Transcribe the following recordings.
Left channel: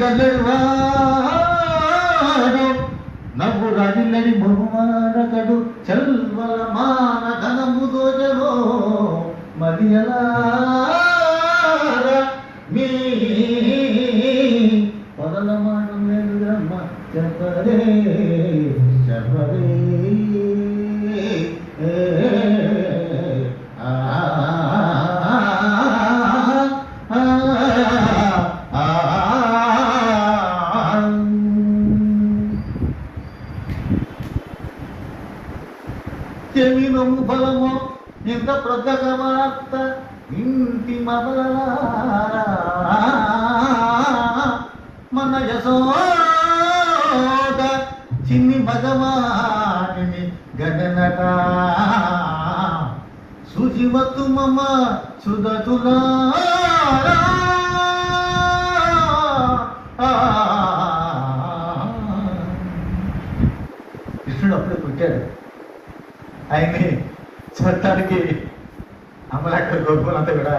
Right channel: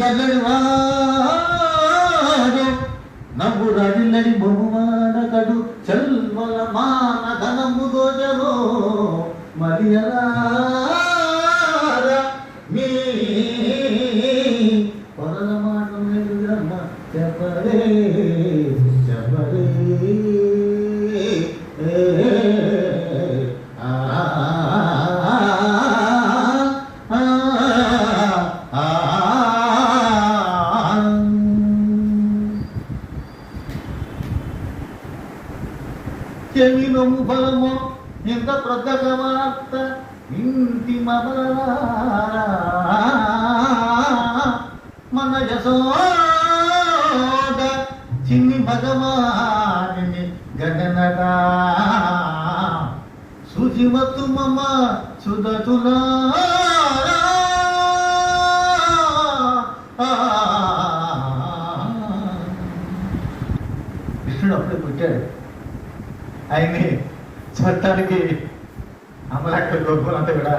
దల్లెడువాడు నవ్వు రాజిల్లని బహుమానగడు చల్వల మాన ధనము దోజలో మదియలా మీ పొదల మాటం నెల్లమ్మ చెప్పరే చెప్పరే చెవినము బలము ఎంత ప్రతగవార్త ఇంటి మన యశోద చిన్ని భగవాని గగనట శుచిమత్తు మమ సుదతులా కృష్ణుడు అప్పుడే పుట్టాడు. ఆయన్ని చట్టానికి అమలాక్కడ దొరుకునంతా కూడా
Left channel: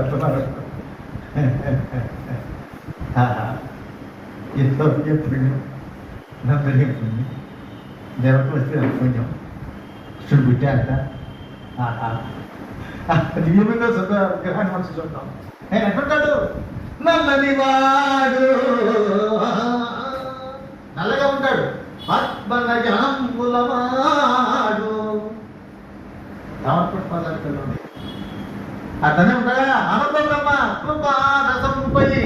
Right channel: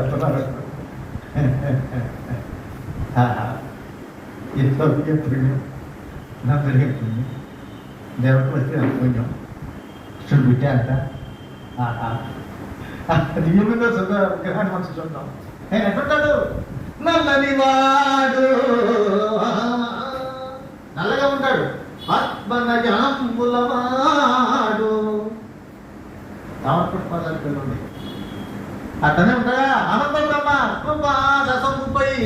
అంటున్నారు. ఎంతవరకు పుణ్యం నమ్మని దేవత వస్తే పుణ్యం కృష్ణుడు పుట్టాక దివ్యమైన గ్రహాన్ని మనసు చూద్దాం. ఆయన ఎక్కడుంటాడు? నల్లని వాడు నల్లగా ఉంటాడు. పద్మనజాంబులవాడు అతనే ఉంటాడా? ఆనందపై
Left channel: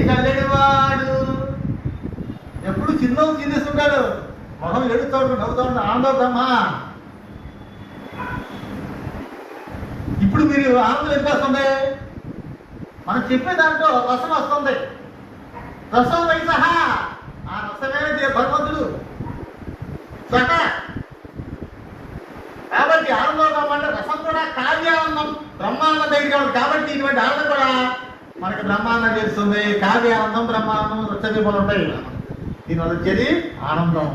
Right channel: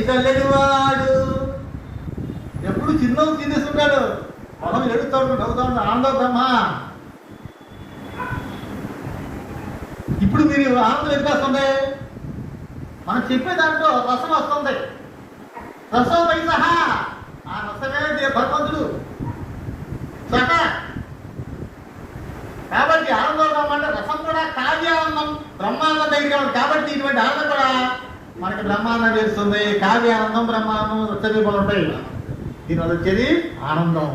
కల్లెడివాడు ఎప్పుడు చిన్న తినేస్తుంటాడు. మొహం ఎడుతాడు, నవ్వుతాడు, ఆనందమ్మా. ఇప్పుడు మీరు ఆనందం ఎంత వస్తున్నాయి? మనం చెప్పే దాంట్లో రసం వస్తుంది. రసం వైస ఆ రసమే భగవంతుడు. కాబట్టి ఆనందం అంటే రసం కూడా కావ్యానందం, బ్రహ్మానందం దగ్గర. కాబట్టి ఇటువంటి ఆనందం కూడా మనకి బ్రహ్మానందం తెలుస్తుంది. కావ్యానందం, బ్రహ్మానందం రసదీపం ఉంటాయి. దీనివల్ల వచ్చేది ఆనందం.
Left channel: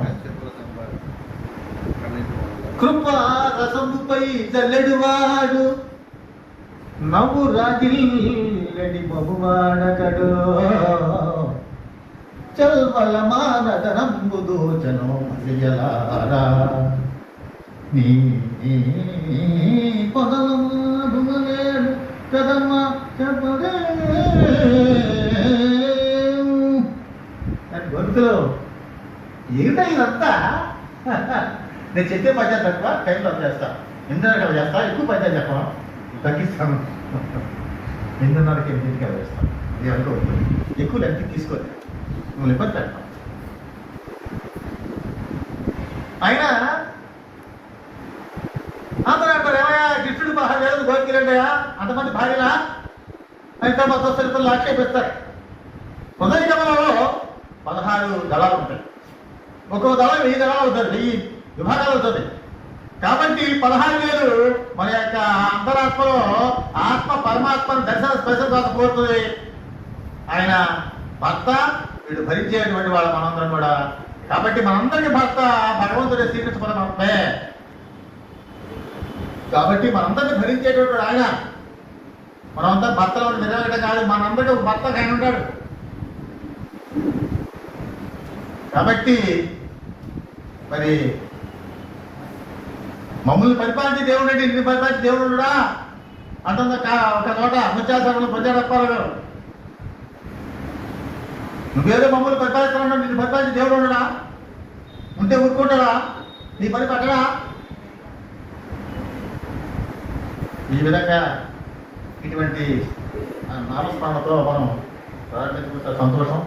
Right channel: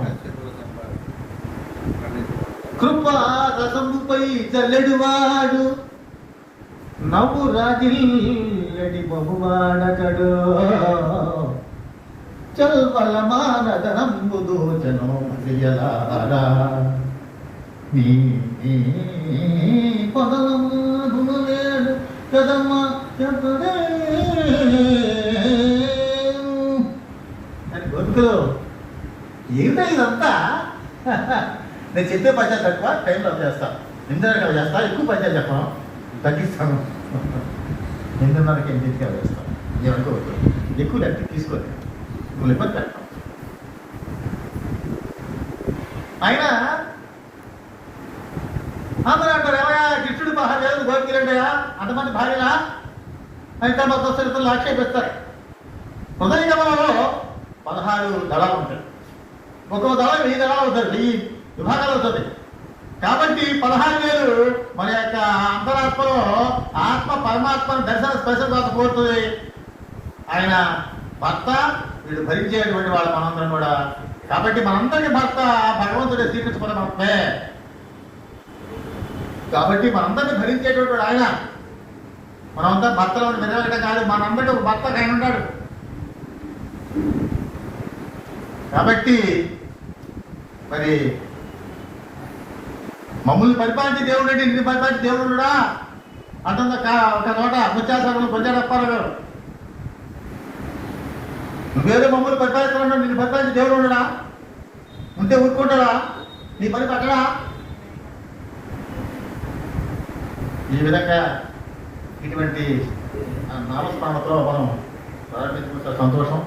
కృప రసముపై జల్లెడువాడు నవ్వు రాజిల్లని బహువాడగడు చల్వల మానదనంబు దోచనో మదియలారా నీ పదమలేడు కదమ్మ చెప్పదే అని గొంతులో ఏమిటా ఇదంతా? నేను చెప్పే పద్యాలు తక్కువ, టైంలో చేస్తాను. 8:30 చేస్తా, ఎక్కువ పద్యాలు చెప్పాను, తగ్గిస్తాను. 8:30కి 8కి వేస్తాను. నేను అనుకోవద్దు, ఎక్కువ లెక్క తీసుకోలేదు. నువ్వు ఇబ్బంది పెట్ట. అయినా అందరూ అంటారు, ఏమయ్యా కృష్ణుడు మహాదేవుడు గోపిరండయా అంతమంది భార్యలా అయితే మొత్తం ఆక్షేపిస్తారు. ఉదయగమనంలో 16 దళాలు ఉంటాయి. ఒక్కొక్క దళం 1000 దళాలు ఉంటుంది, 1000 విభాగాలు ఉంటుంది. కాబట్టి 16,000 మన యొక్క అంతరాత్మలో ఆత్మ పరమాత్మను దర్శన స్పర్శపోతుంది. ఆయన భర్త, వీడు భరించేటువంటి వాళ్ళ మనందరం కూడా. కాబట్టి మనందరికీ భర్త భగవంతుడే శ్రీకృష్ణే. కాబట్టి మనందరినీ భరించేటువంటి ఆయన. మనంతా భర్తలో నిలవడం కాదు, మనందరూ భర్త ఆయన ఉంటాడు. కాబట్టి మరి మమ్మల్ని పరిపాలించే దేవుడు అంటే ఇన్ని పరిపాలించే దేవుడు కూడా అంటుంది ఒక నోట అత్యాచారం ప్రజాడప్పారు. నువ్వేదో మమ్మల్ని పరిపాలిస్తావు, నిన్ను పరిపాలించే దేవుడు ఉండడా? ఉంటే ఊరుకుంటాడా? నీ పని పట్టడా? ఈ విధంగా ఇటువంటి నామస్నామంతో మనం ప్రారంభించుకుంటే సంతోషం.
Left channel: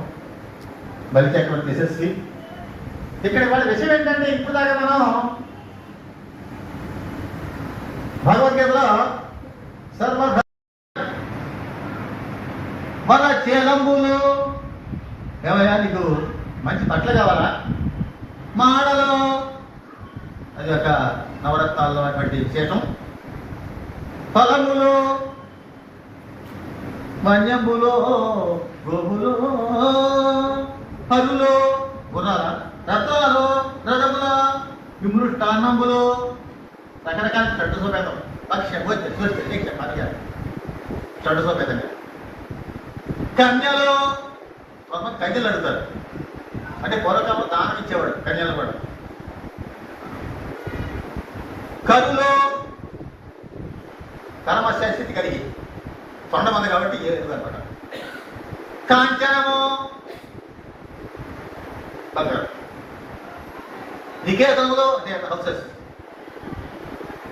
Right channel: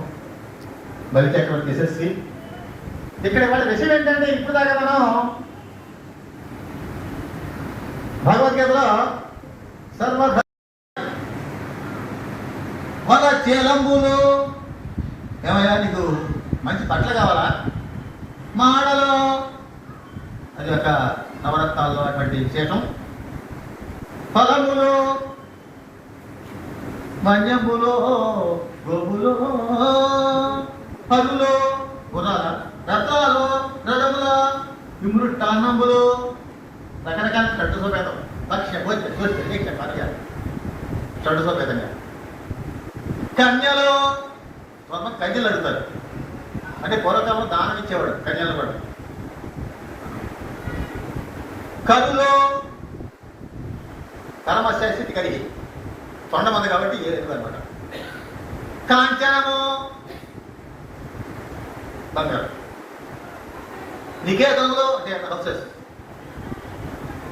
బలిచక్రవర్తి యశస్వి. ఇక్కడ వాళ్ళ విషయం ఏంటంటే, ఇప్పుడు దాకా మనం భగవద్గీతలో సర్వ మన చేలంబులు ఏమయ్యా నీకు మంచి బట్టలు కావాలా? మాడలో అది ఒక నవరత్నాల్లో అటువంటి విశేషం. ఫలములు వన్యములో గోములో పరులో గుర్రాల రథాలు రథముల విమృష్టాన్నంబులు రకరకాల చెట్టు చూపెడతాం. చెడు చూపెట్టంగా కన్యలో స్వర్ణం కన్యలు అడుగుతారు. అంటే పూర్వకాలం దానం ఇచ్చేవాడు కన్యలు కూడా. కరులో కర్మశాస్త్రి కలిగి స్వర్ణం ఉంది కాబట్టి ఏది అనమాట. కాంచనము బంగారం. నికేతంలో బస్సెస్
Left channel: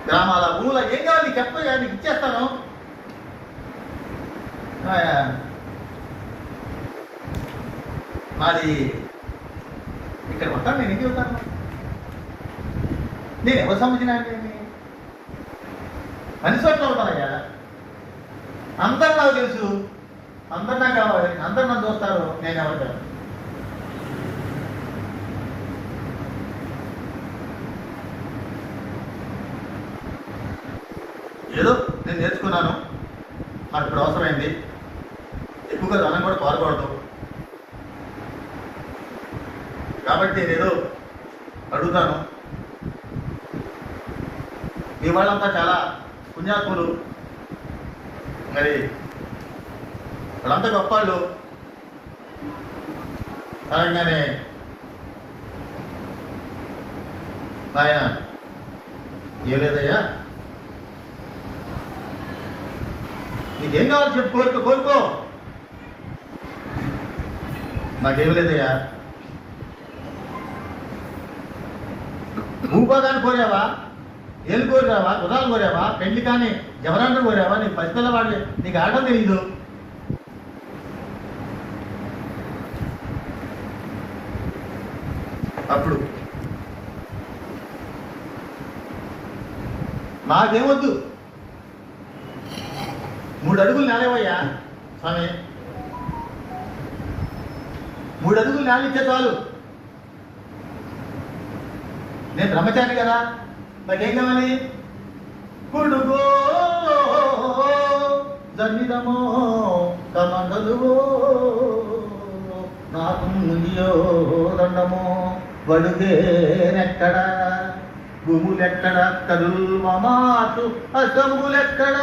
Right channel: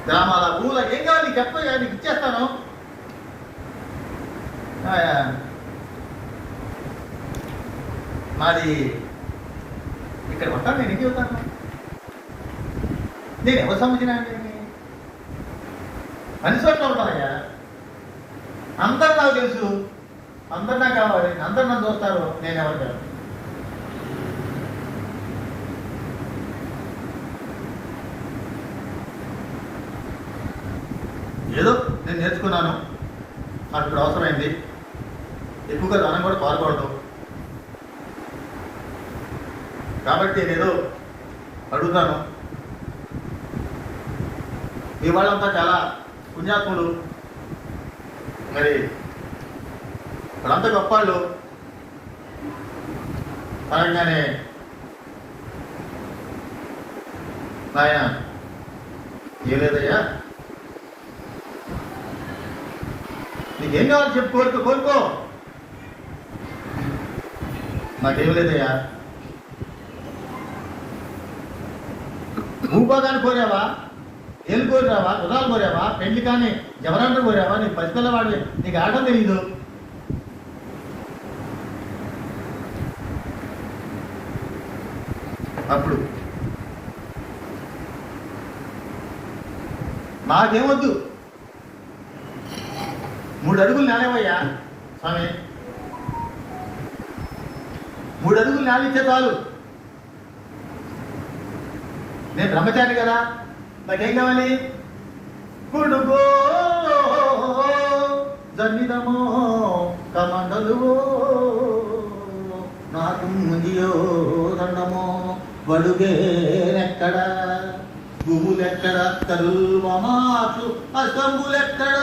గ్రామాల ఊళ్ళ ఏం కావాలి నీకు చెప్పండి, నీకు ఇచ్చేస్తాను. మాది ఇక్కడ ఉంటాను, నేను ఇంటికి వెళ్తాను. నేను ఎవరు సంబంధించిన అన్ని చోట్ల ఉంటానయ్యా. అందరు నాకు తెలుసు, అందరు నాకు కావాలి, అందరు నన్ను చూస్తారు, నేను ఎవరు కాదు. ఏదో నేను నేర్చుకున్నాను, నాకు ఇప్పుడు అవసరమైంది. ఎక్కువగా ధనం కూడా పాల్గొడదు కాబట్టి నేను అడుగుతాను. మీ వాళ్ళంతా చాలా పుణ్యాత్ములు, మరి వాళ్ళంతా గొప్పవాళ్ళు. అనగానే ఆయన ఏం లేదయ్యా, నీకేం కావాలి చెప్పు, కోరుకో. నాకేం లేదయ్యా. భూపదాన్ని కోరావా, ఏం కోరావా, గుర్రాలు కోరావా, పెళ్లి కానీ జవరాండం కోరావా, నీకు ప్రతిపిల్ల వాడు నీకు ఆడడం తెలియదు. అప్పుడు నాకేమొద్దు, 3 అడుగులు నానేవయ్యా స్వామి, 3 అడుగులు నానిచ్చే చాలు. నేను బ్రహ్మచారి కదా, నాకేం కావాలి? కొడుకో దన్నిదమో తమండలువో నాకు ముగియో దండమో వడుగేనెక్కడ, భూములెక్కడ, కరుల్వమాసు అసంబులెక్కడ,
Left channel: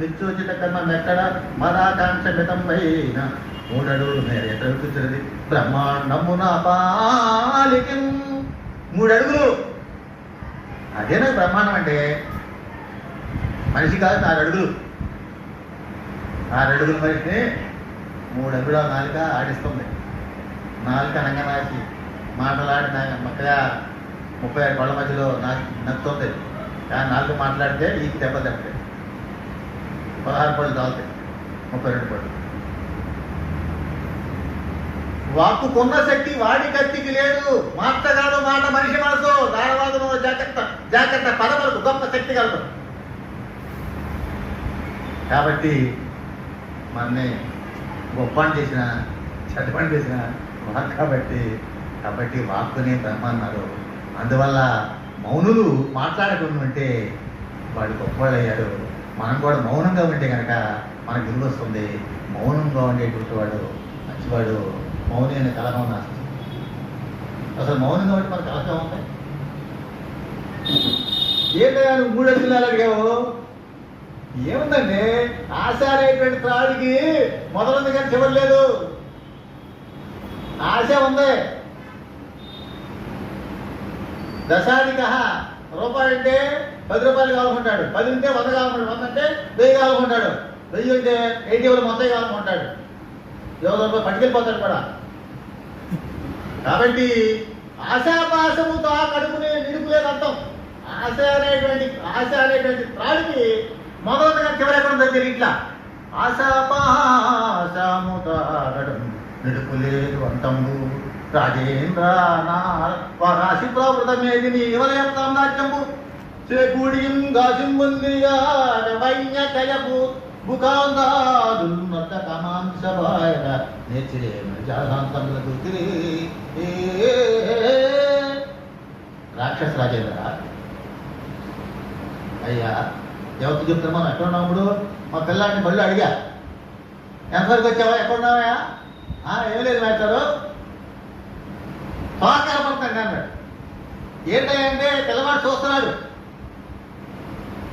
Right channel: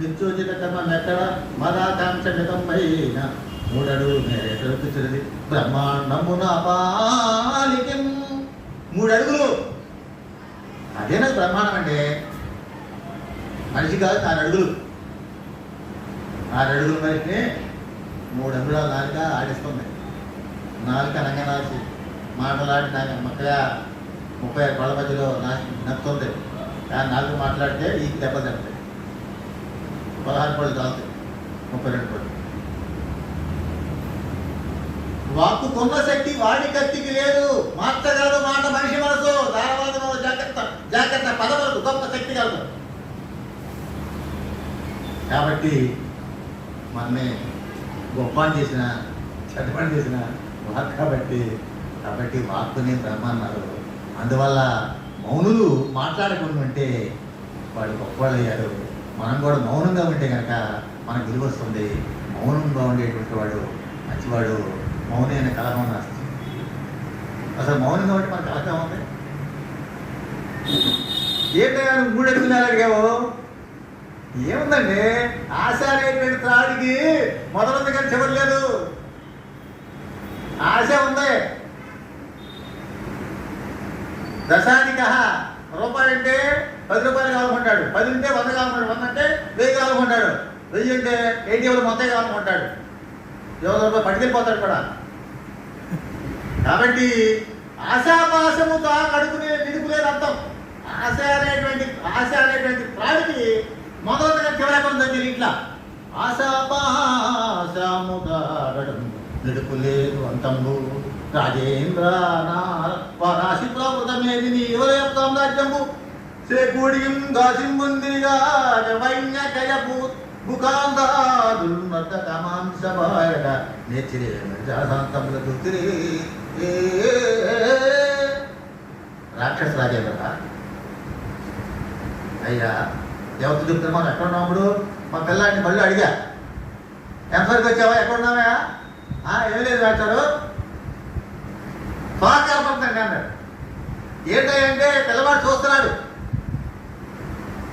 నిత్యోచిత కర్మం ఎక్కడ, మదాకాంక్ష మితమైన 3 అడుగులు మేరే తలుపుతున్నది బ్రహ్మాండమున పాలికం. 3 అడుగులు అదే నాకు బ్రహ్మాండం అంటే. మనిషి కాదు 4 అడుగులు. 4 అడుగుల మనిషిని 3 అడుగుల నాలుక ఆడిస్తుంది. నాలుక రంగనాసి మాటలాడి 36 పళ్ళ మధ్యలో నచ్చుతుంది. కానీ 4 మాట్లాడితే ఈ దెబ్బ తగ్గుతాయి. 16 పళ్ళు తాగుతాయి, 32 పళ్ళు. వాక్కు కొన్న శక్తి వాడి కత్తికి లేదు, మార్చగలదు మాట మనిషి మనసు. ధారవాదము జాగ్రత్త పదవరకు గొప్ప శక్తి కలదు. కాబట్టి మనని గొప్ప చేసిన చెడ్డపని చేసిన వాక్ కాబట్టి వాక్కుని బ్రహ్మ అన్నారు. అందువల్ల మౌనులు మాట్లాడకుండా ఉంటే వాడు గొప్పవాళ్ళు అయ్యారు. మనం కూడా మౌనంగా ఉంటే కనుక మనకు విలువ వస్తుంది. మౌనంగా ఉండేటువంటి వాడు మంచివాడు. మౌని అనే కలహం నాస్తి. అసలు మౌనంగా ఉంటే మన కలహం ఉంది. ఏంటయ్యా నువ్వు 3 అడుగులు అడిగావు? ఏముందండి, ఆశ అనేటువంటి త్రాడికి మొదలుంది కానీ చివరి లేదు. ఆశ ఉంది. దశానిక రూపాయి అంటే 10 రూపాయలు కావాలనుకుంటాడు, 10 అంటే 100 కావాలనుకుంటాడు, 100 అంటే 1000 కావాలనుకుంటాడు, 1000 అంటే 80 మొత్తం కావాలనుకుంటాడు. ఎవరో పట్టుకెళ్ళిపోతాడు కూడా. కాబట్టి ఆశాపాశముతో కడుపునే నిలుపులేని అర్థం. ఆశ అనేటువంటి త్రాడికి మొదలుగా చివరకుండా ఇట్లా ఆశాపాశముతాగడం నిలుపులేదు అంతము. రాజేంద్ర రాశి ప్రావృతమేది నీ యువలయం సామ్రాజ్యము చేకూడియం గాసింబుందిగా వైన్యకయపు బుకాందాదున్నత కమాంశవాయక నేర్చిరే శాంతముల గుర్తిరి. రాక్షస రాజేంద్ర అయ్యా ఎవరు చెప్తారు? మనం ఎక్కడ ఉన్నప్పుడు మా పిల్లాడిని బళ్ళు అడిగా, ఎంతవరకు వచ్చావా, ఎక్కడున్నావా? ఏం లేదు రాశారు, తోకపడుతుంది అన్నాడు. ఏంటంటే పిల్లవాడు చూస్తున్నాడు.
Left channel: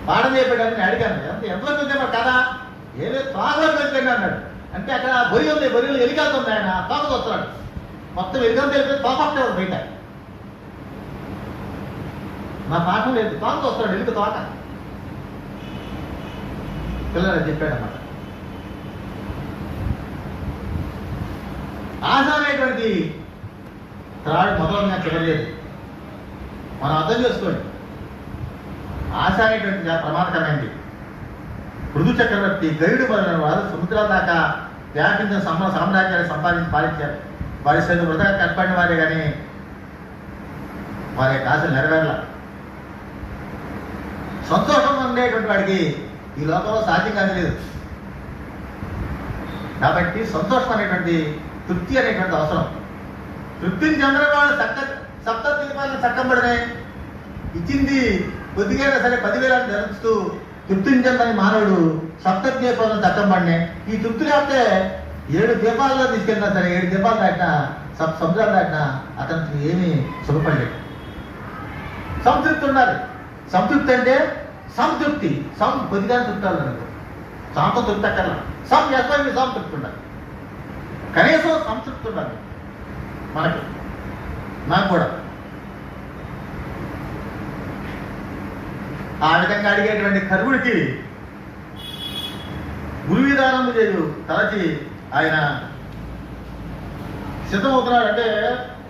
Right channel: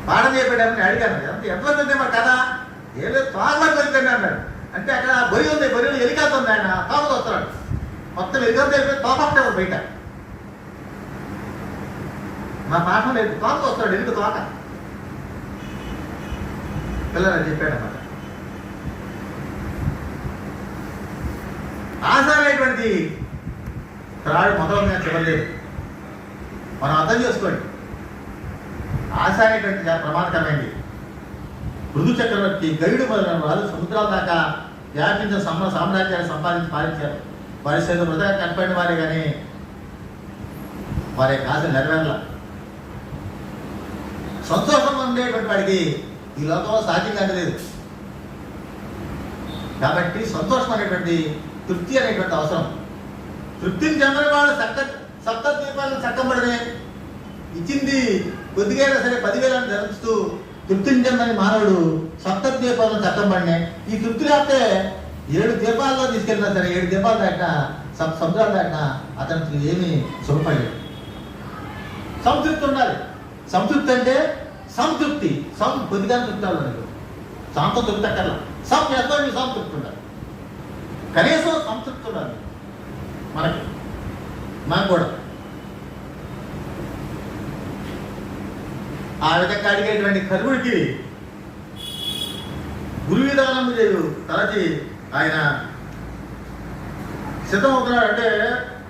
పాఠం చెప్పాడని అడిగాను, ఎంతవరకు వచ్చే మా కదా? ఏం లేదు తోకలకు వచ్చింది అన్నాడు. అంటే అక్కడ బొరి ఉంది, బొరిలో ఎలికాతుంది, ఆయన తోకతో వస్తున్నాడు. మొత్తం ఎలికంతా వెళ్ళిపోయి తోకటే బయట. నా పాఠం లేదు, తోకతో వస్తాడు, ఎలుక తోక. పిల్లలు చెప్పాడన్నమాట. ఆశ అనేటువంటి త్రాడు మొదలుగా చివరలేదు. మనం అర్థం చేసుకోండి, ఆశ అనేటువంటి ప్రమాదకరమైంది. పృథు చక్రవర్తి, గైడు మొదలైన వారు సముద్రాల దాకా వ్యాపించిన సామ్రాజ్యాన్ని సంపాదించి పాలించారు. వారి చేతులు వృధా కనపడిన వారే కానీ వారి ఆశ నెరవేరల. సంతోషం ఉండేటువంటి వాడికి ఈ లోకంలో సాధ్యం కాదు లేదు. కాబట్టి సంతోషం అనేటువంటి, తృప్తి అనేటువంటి అవసరం. తృప్తిని చెందిన వాడు సప్త దీపాలను చక్కబడనే ఇచ్చింది కొద్దిగా సరే 10,000 జరుపుతూ తృప్తిని చెందని మానవుడు సప్త దీపాలను చక్కబడినే. ఈ తృప్తి లేకపోతే 7 దీపాల్లో తీసుకెళ్ళినా సరే 7 దీపాలు దాటినా సముద్రాలు దాటినా అతనికి ఏమీ సుఖపడలేదు. సంతృప్తి ఉండాలి. సంతృప్తి అంటే సంతృప్తి, కొద్దిగా తృప్తి అవ్వాలి. సాంత తృప్తి అక్కర్లా, చేస్తాను సంతృప్తి ఉండాలి. కనీసం సంతృప్తి ఉండాలి మనకు కూడా. ఆ విధంగా అడిగేటువంటి కర్వుడికి గురు విధానం చేయు తలచి ఆయన సిద్ధమవుతున్నాడు. అంటే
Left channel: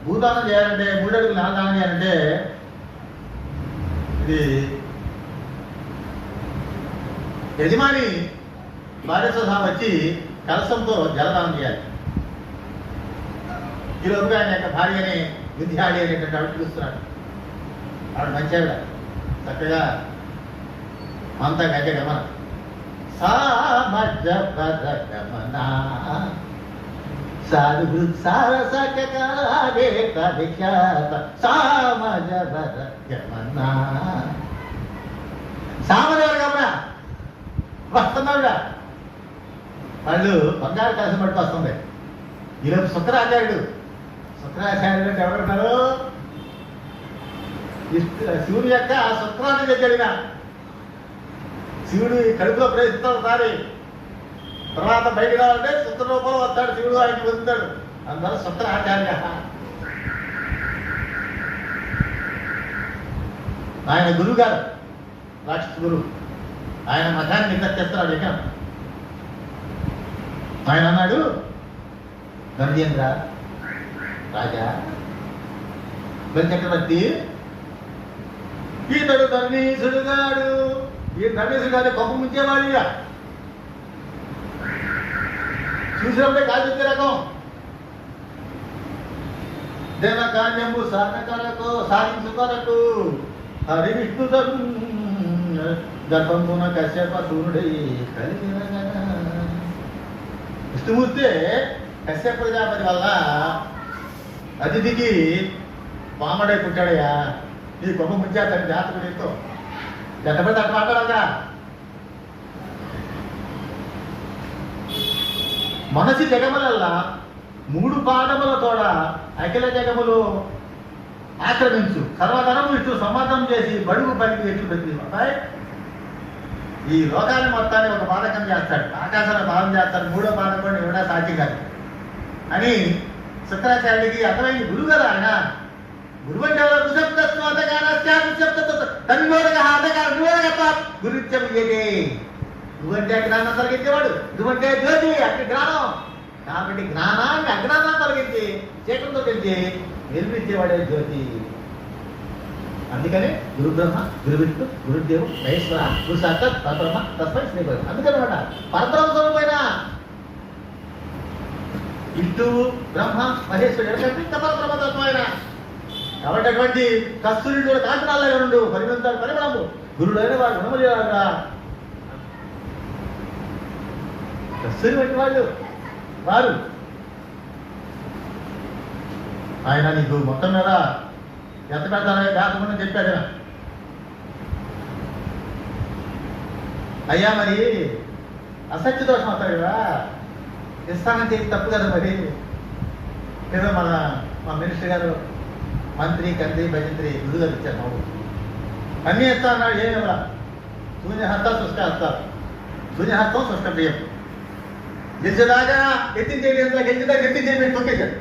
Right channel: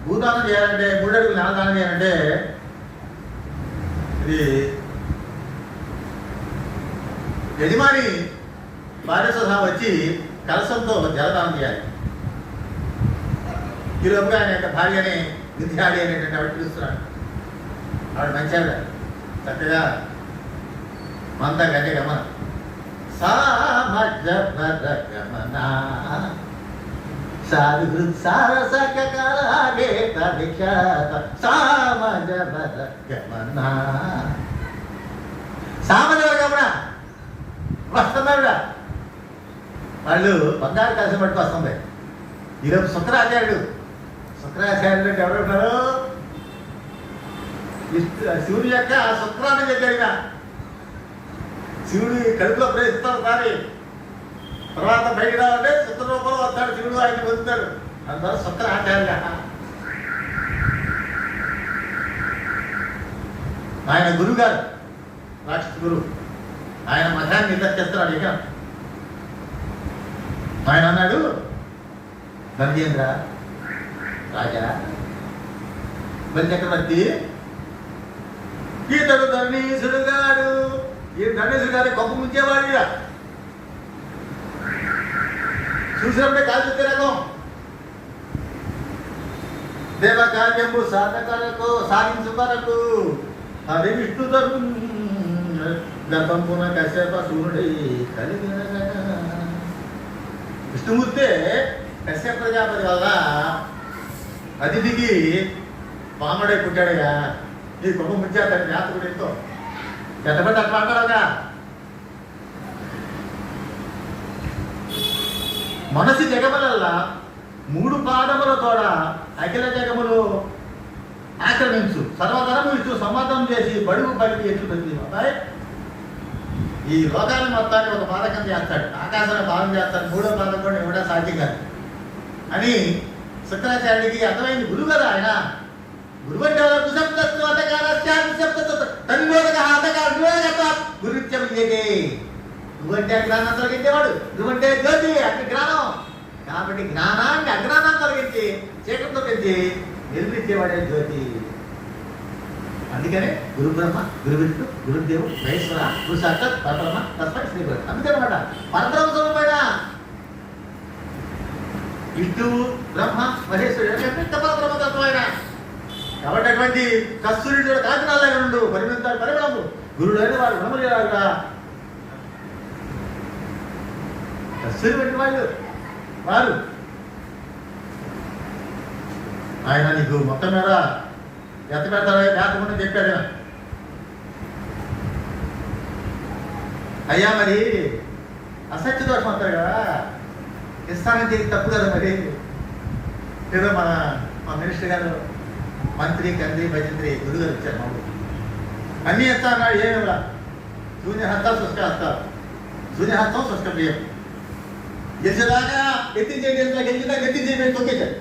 భూదానం చేయాలంటే, 3 అడుగులు నేలదానం చేయాలంటే ఇది యజమాని భార్య సహా వచ్చి కలశంతో జలదానం చేయాలి. ఈలోపు ఆయన యొక్క భార్యని విద్యాడి అనేటువంటి ఆవిడ పిలుస్తున్నాడు. ఆవిడ మంచి ఆవిడ, చక్కగా అంతా గజ గమన గమన సామజవర గమన వస్తుందా. వాళ్ళు బంగారు కాసం పట్టుకు వస్తుంది. ఈరోజు శుక్రాచార్యుడు అంటే ఎవరుంటారు? శివుని యొక్క శుక్రాన్ని చెప్పాడుగా. శివుడు కడుపులో ప్రవేశిస్తాడు సారి, తర్వాత బయట రావాలంటే శుక్ర రూపంలో వస్తాడు శివుడు, ఆయన పొందుతాడు. అందువల్ల శుక్రాచార్య. ఆయన గురువు గారు, రాక్షస గురువు. ఆయన మఠాన్ని నిర్దేశిస్తున్నాడు యజ్ఞం. ఆయన అన్నాడు, నందేంద్ర రాజా, చక్రవర్తి, ఈతడు ధర్మీసుడు గాడు. ఈ ధర్మీసుడు గారు కొమ్మ ముంచేవాడు. చూసినప్పుడే కాదు రకం దేవకార్యము సాధకరకు సాధించుకొరకు హరి విష్ణు గర్భంపున కశ్యప సూర్యుడై కలిగిన విష్ణుమూర్తి కశ్యప ప్రజాపతి వల్ల అతిథికి పామడై పుట్టాడయ్యా. ఈ కొమ్మ ముంచేస్తాడు జాతకుడు. ఎంతో ఎంతమంది అట్లా మాట్లాడగా మనసి జగములల్లా 3 పాదములతోడ అఖిల జగములు ఆక్రమించు సర్వధరము ఇచ్చు సమాధానం చేసి బడుగు పలికి ఎత్తుతుంది. అబ్బాయి, ఈ లోకాన్ని మొత్తాన్ని ఒక పాదకం చేస్తాడు, ఆకాశాన్ని పాదం చేస్తాడు, 3వ పాదం కూడా ఇవ్వడా సాధ్యం కాదు అని శుక్రాచార్యుడికి అర్థమైంది. గురువు కదా ఆయన. గురువు అంటే గురుత్యం ఏదే. గురువు అంటే జ్ఞానం తొలగించేవాడు, గురువు అంటే జ్యోతి, అక్కడ జ్ఞానం. కాబట్టి జ్ఞానాన్ని అజ్ఞానాన్ని తొలగించి చీకటితో పెంచి వెలిపించేవాడే జ్యోతి. అందుకనే గురు బ్రహ్మ, గురు విష్ణు, గురుదేవు, మహేశ్వర, గురు సాక్షాత్ పరబ్రహ్మ తస్మై శ్రీ గురు. అందుకనమాట పరబ్రహ్మ స్వరూపమైన విష్ణువు, బ్రహ్మ, మహేశ్వరుడు పరబ్రహ్మ తత్వమైన. కాబట్టి అటువంటి కస్తూరి కాకినాల్లో ఉండు పరిమితాడు పరిమళము. గురుడు అయిన వాడు గుణములేవాడుగా. కస్తూరి వంటి వాళ్ళు వారు. ఆయన నీకు మొత్తం మీద ఎంత పెడతారో జాతకం చెప్పాడు. అయ్యా మరి అసత్య దోషం వస్తారు కదా, ఇస్తానంటే ఇది తప్పు కదా. మరి ఏదో మా మినిస్టర్ గారు మంత్రి, కంత్రి, భజంత్రి గురుగారు ఇచ్చారు. మాకు అన్నీ ఇస్తా అన్నాడు. ఏమి శూన్యహస్త శుష్క హస్త, శూన్యహస్తం శుష్క ప్రియం. గెలిచేదాకా ఎత్తించేలా గెలిచేదాకా ఎత్తించేసి తొక్కేశాడు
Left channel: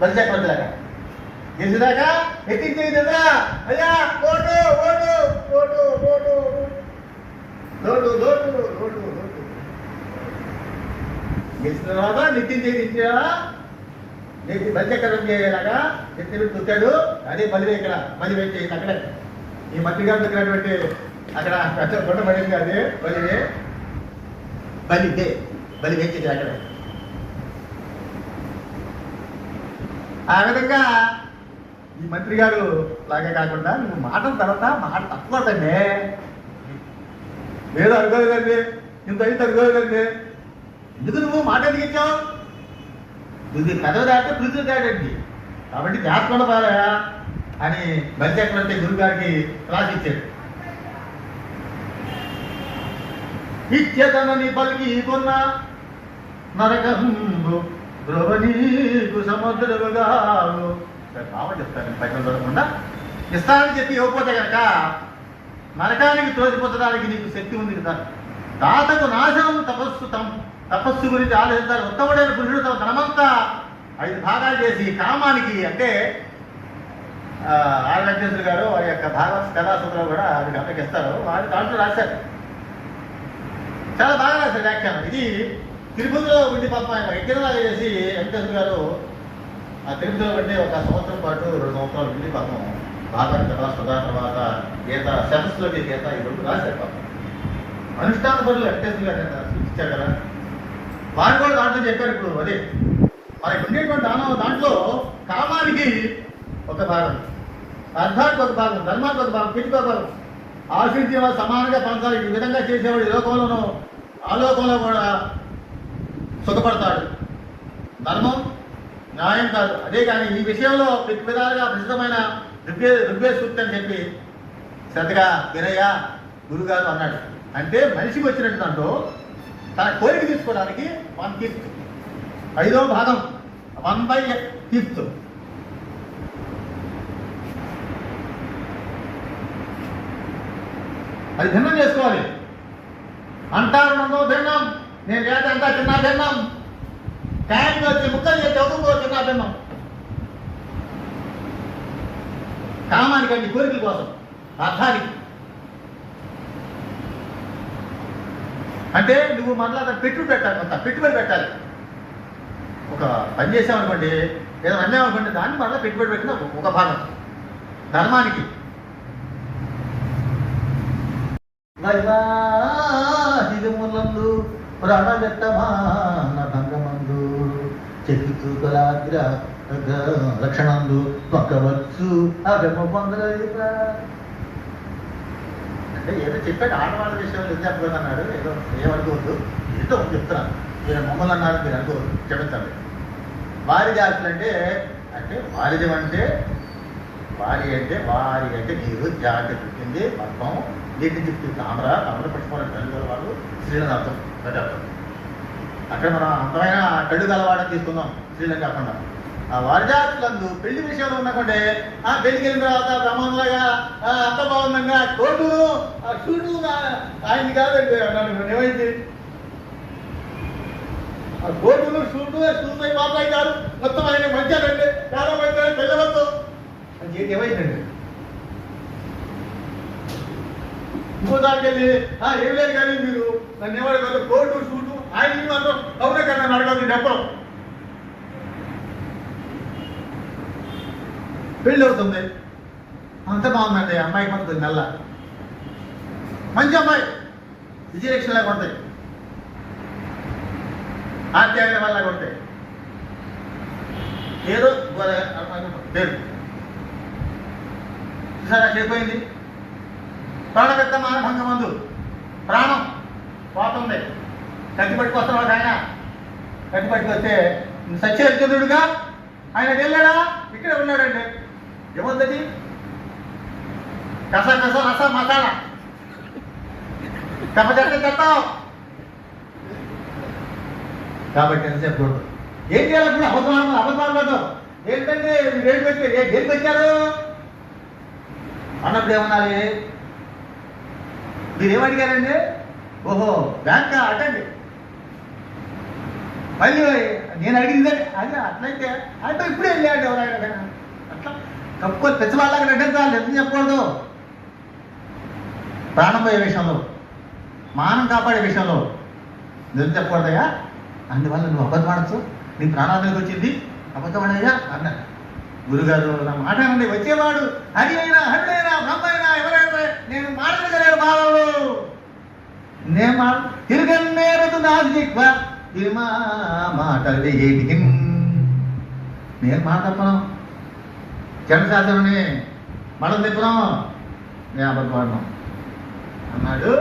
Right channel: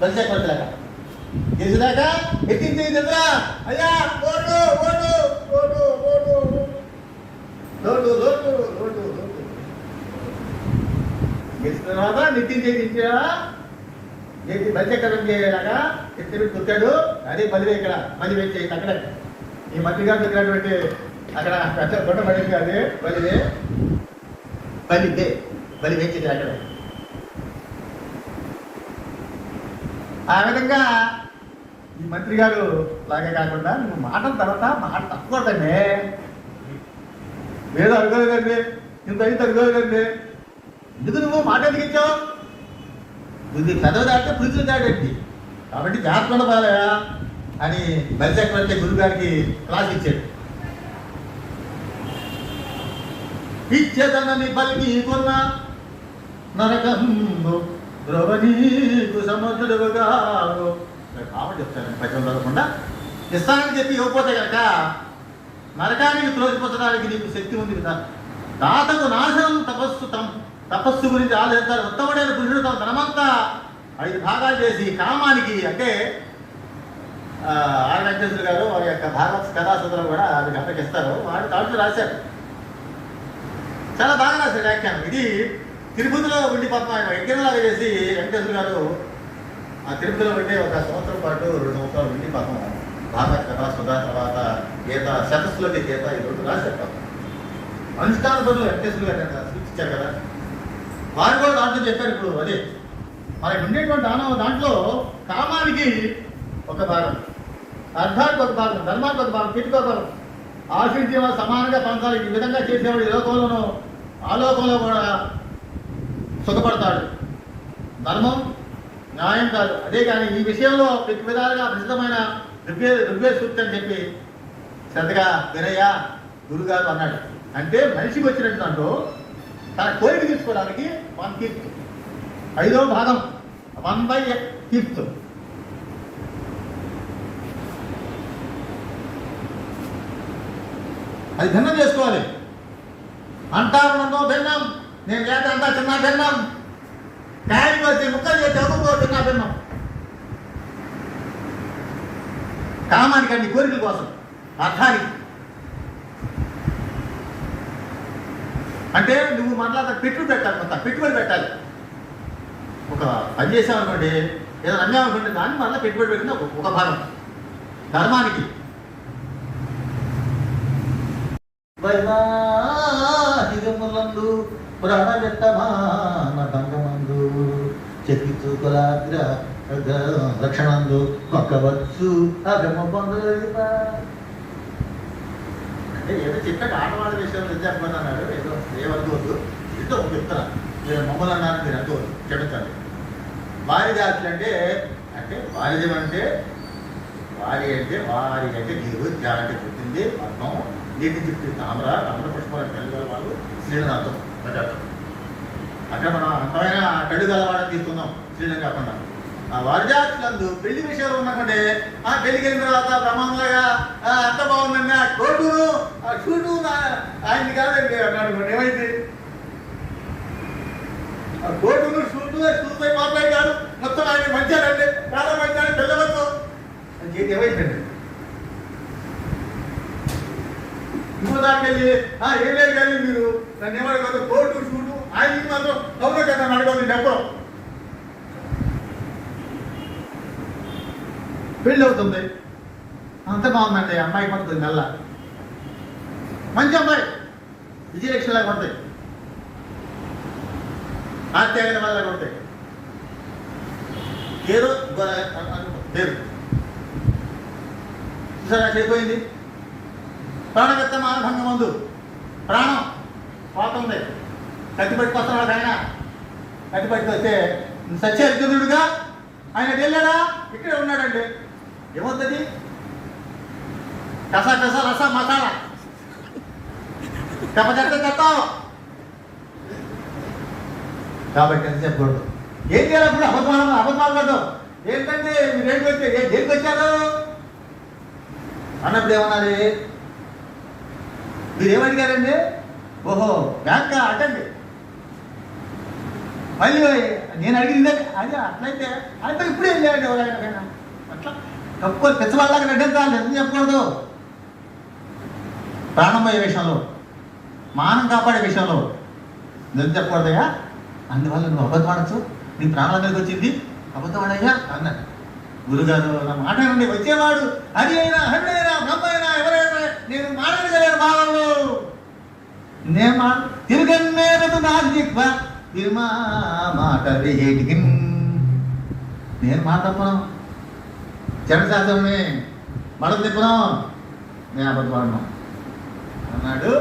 బలిసేకలాగా. గెలిచేదాకా ఎత్తించేదా అయ్యా ఓటు ఓటు ఓటు ఓటు లోటు లోటు లోటు లోటు. గెలిచిన తర్వాత నిత్యం చేయించాడా బలిసేకరం చేయలేలాగా ఎత్తి తొక్కాడు. అదే బలి ఇక్కడ బలి వేసి అక్కడే ఈ మంత్రి గారు దగ్గరటువంటి అక్కడ అక్కడ కొండ పడింది. అదే బలి బలి బలి వేసి అక్కడ. ఆ విధంగా ఈ మంత్రి గారు లాగే కాకుండా నువ్వు మాటల తర్వాత మాట తక్కువదండి. ఏదో అడగలేదండి, ఇంత అయితే అడగలేదండి, ఎందుకు నువ్వు మాట అడిగించావు? ఇది పెదవి దాటితే పృథ్వీ దాటండి, కాబట్టి జాగ్రత్త బాగా అని బలిచక్రవర్తి గురువు గారికి రాసిచ్చాడు. ఇచ్చేతనని పలికి కొన్న నరకందు ద్రవనీకు సమర్థుడుగా బాబా చెప్తాను. పద్యం చదవకుండా ఇస్తానని చెప్పి ఇవ్వకపోతే కనుక నరకానికి త్రోసిపోతడానికి నీకు శక్తి ఉంది కదా. తాతకు నాశనం తపస్సు గురించి ఆలోచిస్తారు. ఉత్తముడైన పురుషుడు తన ధనమంతా 5 భాగాలు చేసి కామానికి, అంటే ఆర్ వెంకటేశ్వర గారు వారి యొక్క భాగవత కథాసూత్రాలు కూడా అది గమనిస్తారు. వారి దాంట్లో రాశారు, చాలా బాగా రాశారు వ్యాఖ్యానం. ఇది తిరుపతిలో ఉండి పాపం ఆయన యజ్ఞంలాగా చేసి వెంకటేశ్వర గారు ఆ తిరుపతిలో ఉండే ఒక సంవత్సరం పాటు 2 సంవత్సరాలు ఉండి పాపం భాగవత కథాసుధ తర్వాత గీత శతస్సులోకి గీత ఈ 2 రాశారు. పాపం అనుష్ఠాన పనులు వెంకటేశ్వర గారు సూచించారు కదా, వారు కూడా దాంట్లో చెప్పారు. ఇప్పుడు అదే మనకి ఉండేటువంటి దాంట్లో కామానికి ఒక భాగం, అర్థానికి ఒక భాగం, ధర్మానికి ఒక భాగం, పిటికి ఒక భాగం, ఆశించిన సమానంగా పంచాలి. ఈ విధంగా చేసేవాడు ఈ లోకంలోనూ ఆలోకంలో కూడా సుఖపడతాడు. ధర్మం న్యాయం కాదు. అదే కానీ ఈ విషయంలో ప్రతి విధాలుగా ప్రసిద్ధమైన ఋగ్వేద సూక్తి అని చెప్పి శ్రద్ధగా వినయ్య గురుగారు అన్నాడు. అంటే మనిషికి వచ్చినట్టు దాంట్లో తన కోరిక తీసుకోవడానికి 1/5, 5వ భాగం 1/5 అది భిన్నం చేసుకోవాలి. అంటారు భిన్నం, నేను ఏటంతా చిన్న భిన్నం, ట్యాంక్ వచ్చి ముక్కలు చేసి చదువుకో చిన్న భిన్నం. కామానికండి కోరికల కోసం, అర్థానికి. అంటే నువ్వు మళ్ళా పెట్టుబడి పెట్టాలి, కొంత పెట్టుబడి పెట్టాలి. ఒక పని చేసామనుకోండి, ఏదో అన్యాయం అనుకోండి, దాన్ని మళ్ళీ పెట్టుబడి పెట్టిన ఒక భాగం ధర్మానికి. వైవాహికములందు ప్రాణవ్యక్తమాన భంగమందు చెక్కి చూకలాగ్ర లక్షణందు పక్కవచ్చు అగమ పొందలేక. అంటే ఏదో చెప్పాడు ఆడవాళ్ళ విషయం విద్యార్థి అన్నాడు. ఏదో ఏమనుకోవద్దు, ఏదో చెప్తున్నాను. మీరు మమ్మల్ని అన్నారు, మీరు అంటూ క్షమించండి. వారి జాతులు అంటే వారిది అంటే వారి అంటే నీరు, జా అంటే పుట్టింది, పద్మం, నీటి చుట్టూ తామర పుష్పాలను కళ్ళు వాళ్ళు స్త్రీలను అర్థం పెట్టారు. అక్కడ మనం అందమైన కళ్ళు గలవాడని తీస్తున్నాం స్త్రీలను కాకుండా. ఆ వారిజాతులందు పెళ్లి విషయాలు ఉన్నకుంటే పెళ్లికి వెళ్ళిన తర్వాత బ్రహ్మంలాగా అంత బాగుందండి, కోటును షూటు ఆయన్ని కాదండి అన్నాడు. ఏమైంది? ఆ కోటును షూటు బాబాయ్ గారు మొత్తం ఆయన మంచారండి, చాలా మంచారు, పిల్లలతో ఏమైందండి. ఇంకో దానికి వెళ్ళి ఏం లేదు కానీ మీరు నన్ను ఎవరు కోటు షూటు ఆయన మాత్రం అవునే కదా అడగదు. ఎప్పుడు పెళ్ళి అవుతుంది, అంత బాగుందండి, అమ్మాయికి పడుతుంది, నెల మంచి అమ్మాయి, విజయలక్ష్మిలా కొడతాయి, ఆత్యాగం వల్ల కొడతాయి, ఏదో పేరు సరే చెడిపోయింది. ప్రాణవ్యక్తమాన భంగమందు ప్రాణం పోతుంది, కత్తి పట్టుకొస్తున్నాడు ఆయన. కత్తి పట్టుకొస్తే సత్యహరిచంద్రుడుగా ఆయన వెళ్ళాడా? ఇక్కడే ఉన్నాడండి. ఏముంది? కస రస మసాలా చెప్తావు కాబట్టి అని చెప్పకూడదు. ఏం చేయాలప్పుడు అబద్ధాలు పడ్డావు ఏంటంటే మీరు ఏంటి వచ్చారు, దేనికి వచ్చారు అన్నప్పుడు ఏమన్నారు? మీరేమడిగారండి? ఓహో బ్యాంక్ అటండి మళ్ళీ నేను అడిగిందే అది అట్లయితే అయితే ఇప్పుడే వెళ్ళాడు ఎవరైనా అట్లా కప్పుకొని పెద్దవాళ్ళకి నటించాలి, ఎందుకు చెప్పకూడదు? ప్రాణం పోయే విషయంలో, మానం కాపాడే విషయంలో నిజం చెప్పకూడదయ్యా. అందువల్ల నువ్వు అబద్ధం ఆడచ్చు, నీ ప్రాణాల మీదకి వచ్చింది అబద్ధం ఆడయ్యా అన్నారు. గురుగారు మాట్లాడండి, వచ్చేవాడు హరి అయినా హరి అయినా బ్రహ్మ అయినా ఎవరైనా నేను మాట్లాడగలేను బాబు. నేను తిరగన్నేరదు నా జిహ్వ విమా మాట వేడికి, నేను మాట తప్పను, జనశాస్త్రమని మడం తిప్పను, నేను అబద్ధం అన్నాడు.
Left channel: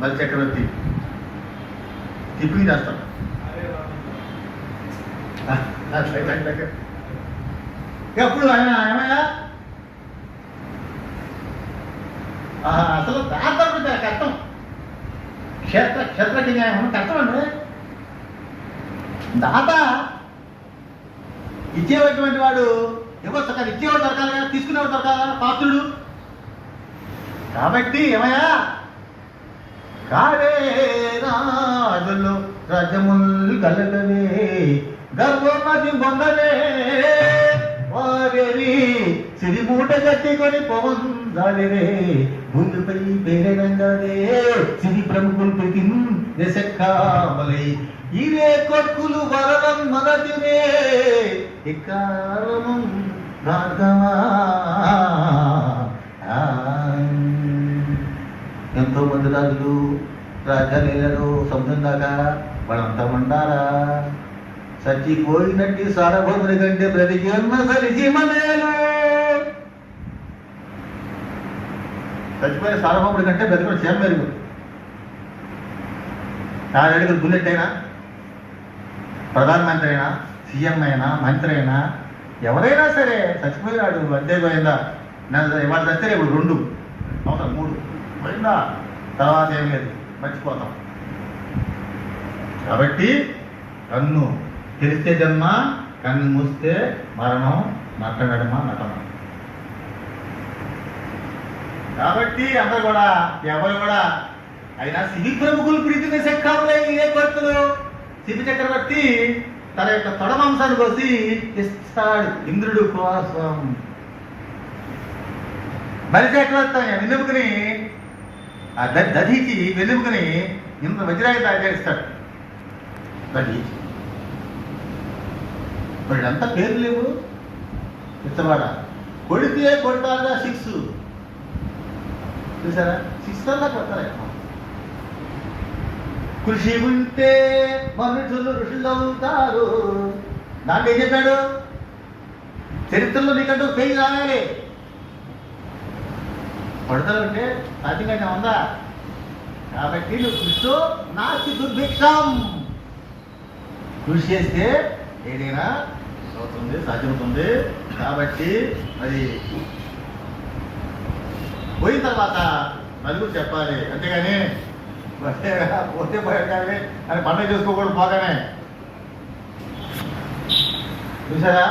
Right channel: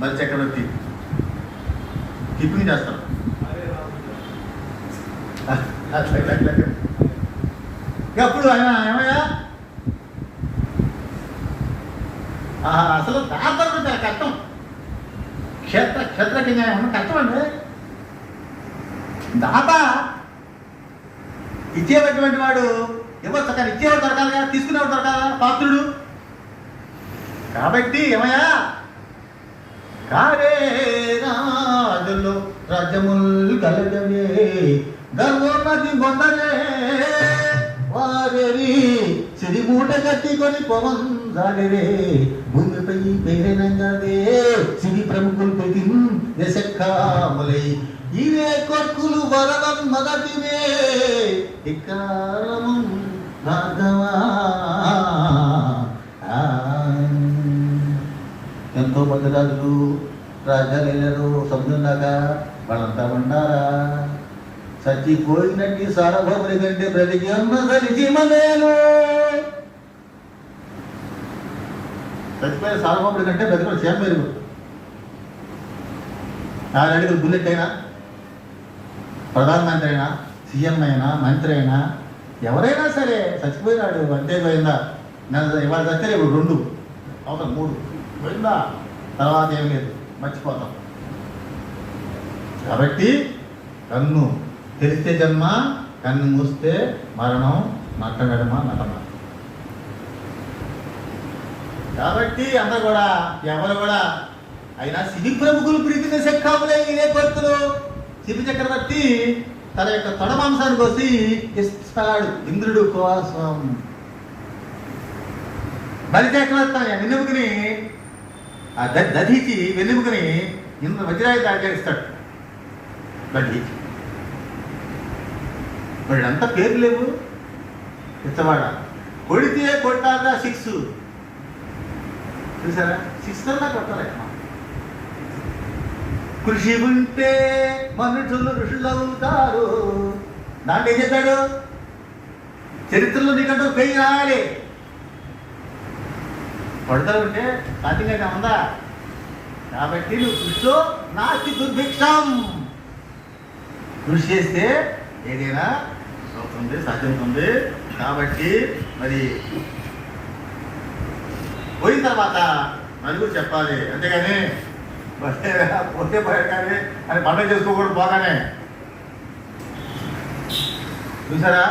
బలి చక్రవర్తి టిప్పింగ్ చేస్తాం. ఎప్పుడు ఆయన ఏమయ్యా అసలు దాంతో కష్టం, క్షేత్ర న్యాయం కష్టం అండి. దాత ఇచ్చేటువంటి వాడు ఇవ్వచ్చు, కానీ ఇచ్చేవాడు దొరకాలి కదా, తీసుకునేవాడు దొరకాల పాత్రుడు. కాబట్టి ఏమయ్యా కావే రాజులు రజముల్ కలగవే గర్వమతి పొందవే వారి సిరిమూట కట్టుకొని పొందవే ముందుపై పేరెనంగానే సిరి ప్రముఖులు ప్రతి దశకామలై ఇవే కొక్కులు వరవం మొదటినే ఇకారం భాగమా. ఎంతో మంది రాజులు రాజాలు సముద్రం దాకా వాళ్ళంతా ఉండారా? చచ్చిపోయినట్టు సార్వభౌముడి కంటే బ్రతికి ఉన్న సరిజీమనేలు. చచ్చిపోయిన సార్వభౌముడి కంటే బ్రతికి క్షేమ మెరుగు. 4 అడుగులు బుల్లెట్ అయినా, ప్రధానమంత్రి అయినా, సీఎం అయినా, మంత్రి అయినా, ఎవరైనా సరే చచ్చిపోయినాడు అంతే పోయిందా. ఇవాళ చస్తే ఇప్పుడు 2 అవసరం 3 పోయిందా, తర్వాత ఏం లేదు, మర్చిపోతాం. కాబట్టి కన్ను తెరిస్తే జన్మ, కన్ను మూస్తే మరణం, నట్టనడమ నటమ. కాబట్టి అందరూ కూడా ఎవరు కూడా అయినా శివి ప్రముఖులు ప్రీతిని శక్కాములే ఇదే కొడుతులు. శివి చక్రవర్తి తన యొక్క తొడమాంసాన్ని కోసి ఇస్తాడు ఇంద్రుడు కోసం. బలి చక్రవర్తి వెన్నెముకని ఆ దధికి వెన్నెముకని ఇంద్రుడు వజ్రాయి తయారు దధికి. వీళ్ళంతా పేరు లేవు, ఇష్టవాడ కొడితే కొట్టాలా 6 చూసారా, 6 కొట్టాలి. కృషి ఉంటే మనుషులు ఋషులు అవుతారు. దాంట్లో ఏం చేశాడు? చరిత్రలో నీకంటూ పేరు రాయాలి. కొడతారు అంటే సాధ్యంగా ఉందా? కాబట్టి నువ్వు కృషి నాస్తి దుర్భిక్షం. కృషి చేస్తే ఏదైనా అవుతుంది, సాధ్యమవుతుంది. కాబట్టి మరి పోయిన తర్వాత నలుగురు చెప్పాలి, అంతేగాని పోతే పోయాలి అని పండుగ చేసుకోకూడదు. పోగానే చూసారా,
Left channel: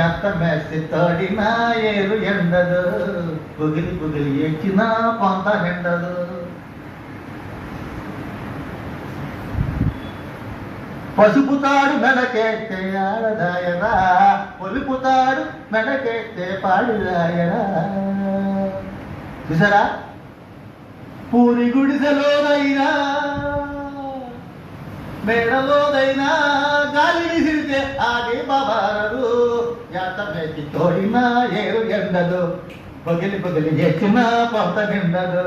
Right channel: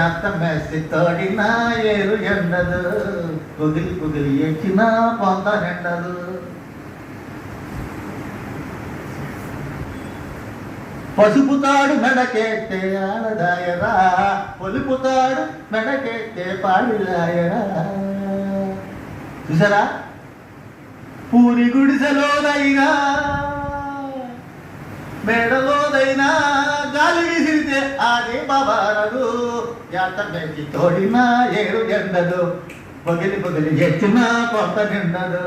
ఎంత మెస్సి తోడినా ఏరు ఎండదు, కుగిలి కుగిలి ఎక్కినా పొంత ఎండదు. పసుపుతాడు మెడకెత్తే ఆడదాయరా, పొలుపుతాడు మెడకెత్తే పాడుదాయరా. చూసారా, పూరి గుడిసెలోనైనా మేడలోదైనా గాలి విసిరితే ఆగే బాబారడు. ఎంత మెచ్చి తోడినా ఏరు ఎండదు, పొగిలి పొగిలి ఎచ్చినా పొంత ఎండదు.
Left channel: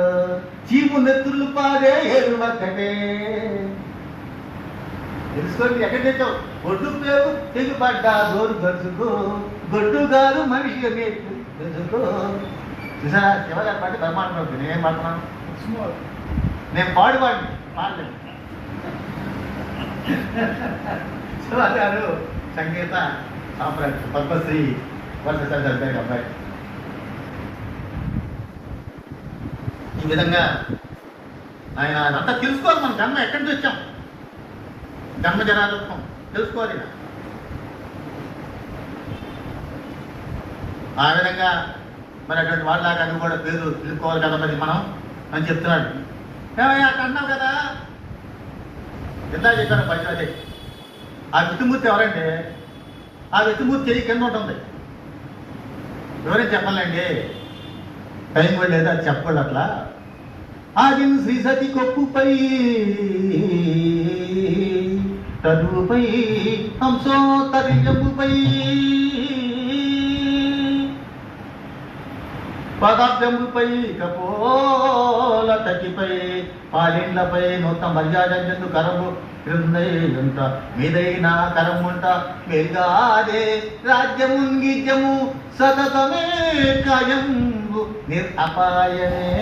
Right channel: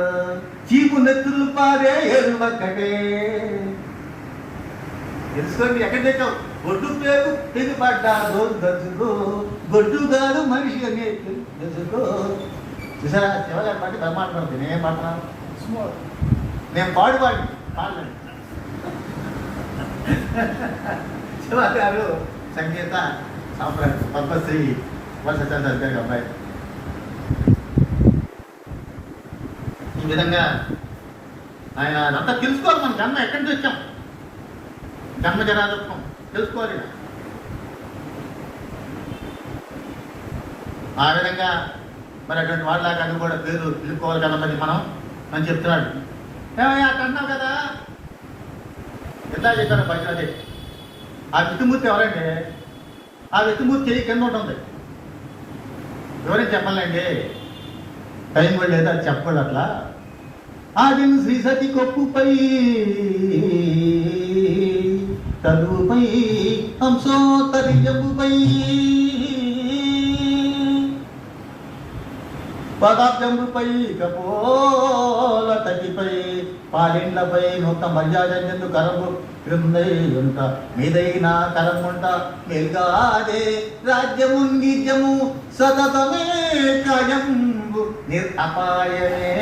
చీపు నెత్తులు పారే ఏరు ఒక్కటే. తెలుసుకోండి, ఎక్కడ తెచ్చావు? గొడ్డు పేరు తెగిపడ్డా రోజు దర్శకు, గొడ్డు కాదు మనిషి తెలుసుకో. చూసారా, శివగారు పాటి బ్రహ్మాండం. నేనేం పాడుతున్నాను? నేను పాడలేదు. శివగారు సంగీత సాంప్రదాయ పద్మశ్రీ వర్ష అబ్బాయి. ఈ విధంగా ఆయన అంతా తెలుసుకోవాలి. మనం జన్మ ఎక్కడి నుంచి వచ్చాం, జన్మ జనాదత్వం తెలుసుకోవాలి. ఆ విధంగా మరి అటువంటి వాళ్ళ కన్నా కూడా పేరు తెలుసుకోవాలి కదా. మరి మనం అని చెప్తున్నాడు. ఏమయ్యా అన్నావు కదా, ఎంత చెప్పాను పద్యాలే. ఆ విష్ణుమూర్తి ఎవరండి? ఆ విష్ణుమూర్తి కింద ఉంటుంది. ఎవరైనా చెప్పాలండి, టైం కూడా లేదా చెప్పకూడదు అట్లా. ఆది శ్రీ సతి కొప్పుపై తరుపై హంసోత్తరిజముపై పదార్థముపై కపోల తటిపై పాలిండపై నూత మర్యాదెందు కరము క్రిందైంట మీదైన కరముంట మెల్గాదే రాజ్యము గిజ్యము సతతమే కాయంబు నిరపాయమే.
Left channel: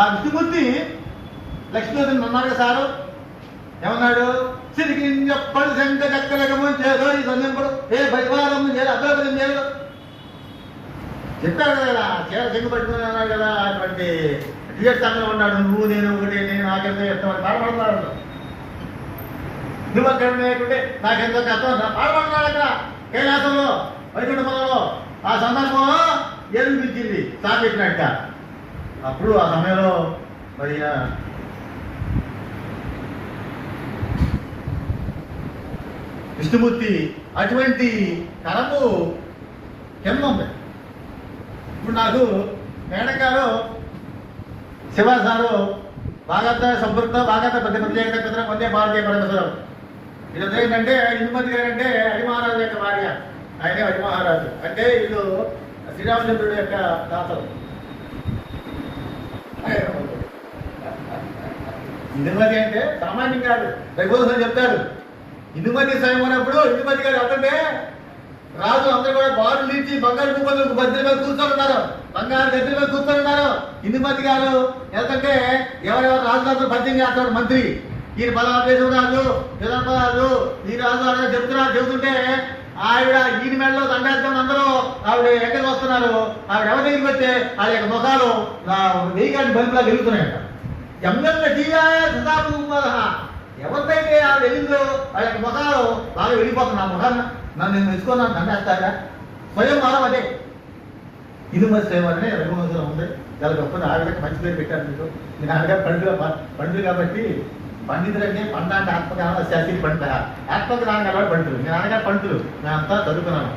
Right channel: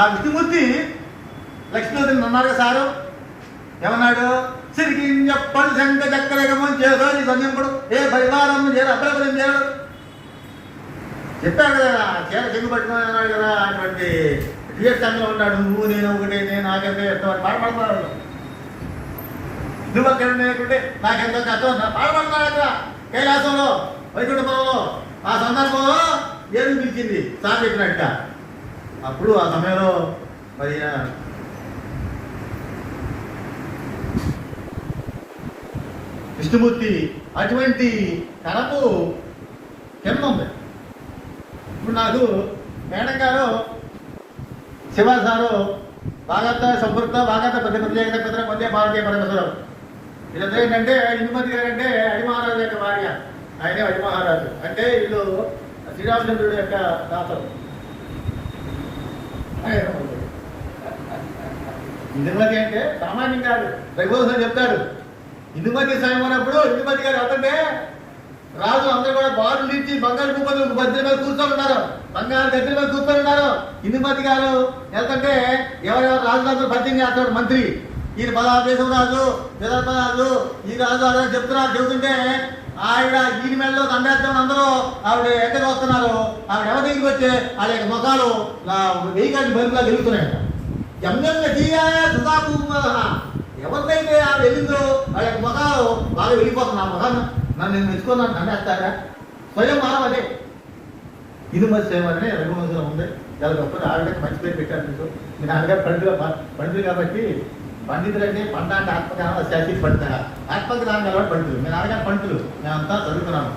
ఆ విష్ణుమూర్తి లక్ష్మీదేవిని అన్నాడు సారు. ఏమన్నాడు? సిరికి చెప్పడు శంక చక్రగమం చేదో ఈ సమయంలో ఏ పరివారం చేదు అభ్రపదం చేయడు చెప్పాడు కదా. చీర చెంగు పట్టుకుని అన్నాడు కదా. అటువంటి తీర్థంగా ఉన్నాడు. నువ్వు నేను ఒకటి, నేను నాకెంతో చెప్తామని పాడపడుతున్నాడు. నువ్వు అక్కడ లేకుంటే నాకెంతో కష్టం పాడపడుతున్నాడు. అక్కడ కైలాసంలో వైకుంఠపురంలో ఆ సందర్భంలో ఏది పిలిచింది సార్ చెప్పినట్ట. అప్పుడు ఆ సమయంలో మరి విష్ణుమూర్తి అటువంటి తరపు కింద ఉంది. ఇప్పుడు నాకు మేడం గారు శివాసారు వాగత సంపృక్త వాగత ప్రతిపత్తి మధ్య భారతీయ పరమశులు వీళ్ళ ఏంటంటే ఇందుమతి గారు అంటే అడిమహారాజు యొక్క భార్య. ఆయనే అడిమహారాజు అంటే వీళ్ళు శ్రీరామచంద్రుడి యొక్క దాతలు. ఇందుమతి అంటే సామాన్యం కాదు. రఘువంశం చెప్తాడు ఇందుమతి సాయం అన్నప్పుడు ఇందుమతి గారు అంటే రాజు అందరూ కూడా బారు లీచి బంగారు కుప్పలు బద్దెల మీద కూర్చొని ఉన్నారు. బంగారు గద్దెల మీద కూర్చొని ఉన్నారు. ఇందుమతి గారు ఎందుకంటే ఎవరెవరు రాజులతో పద్యం చేస్తాడు మంత్రి. ఈయన పదార్థం రాజు రాజు ఈ రాజు అదే చెబుతుంటే ఆవిడ ఈయన మెడలో దండేద్దాం అందరూ ఆవిడ ఎక్కడ వస్తున్నారు. ఆవిడ ఎవరి దగ్గరికి వస్తే వాళ్ళ యొక్క ముఖాలు వెయ్యికాటి బల్బులా వెలుగుతున్నాయట. ఎమ్మెల్యే ఎవరిదైతే ఆవిడ వెళ్ళిందో వాళ్ళ యొక్క ముఖాలు బాగా వెళ్ళిపోతున్నాయి. ఆ ముఖాన్ని నన్ను నేను మెచ్చుకున్నాను దండేస్తారా స్వయం మనం అదే ఇందుమతి స్వయం అంటే రఘువంశంలో ఉంది. దాని గొప్ప ఆవిడకి మంచి పేరు పెట్టారు. మీకు మీ నాన్నగారు పండుగ కాబట్టి పండితులు అంటే పండాంటి ఆత్మజ్ఞానం శాస్త్రి పంట ఆత్మజ్ఞానం కలవాడు పండుగలు. మీ నాన్నగారు పండుగలు మేమంతా చదువుకున్నాను.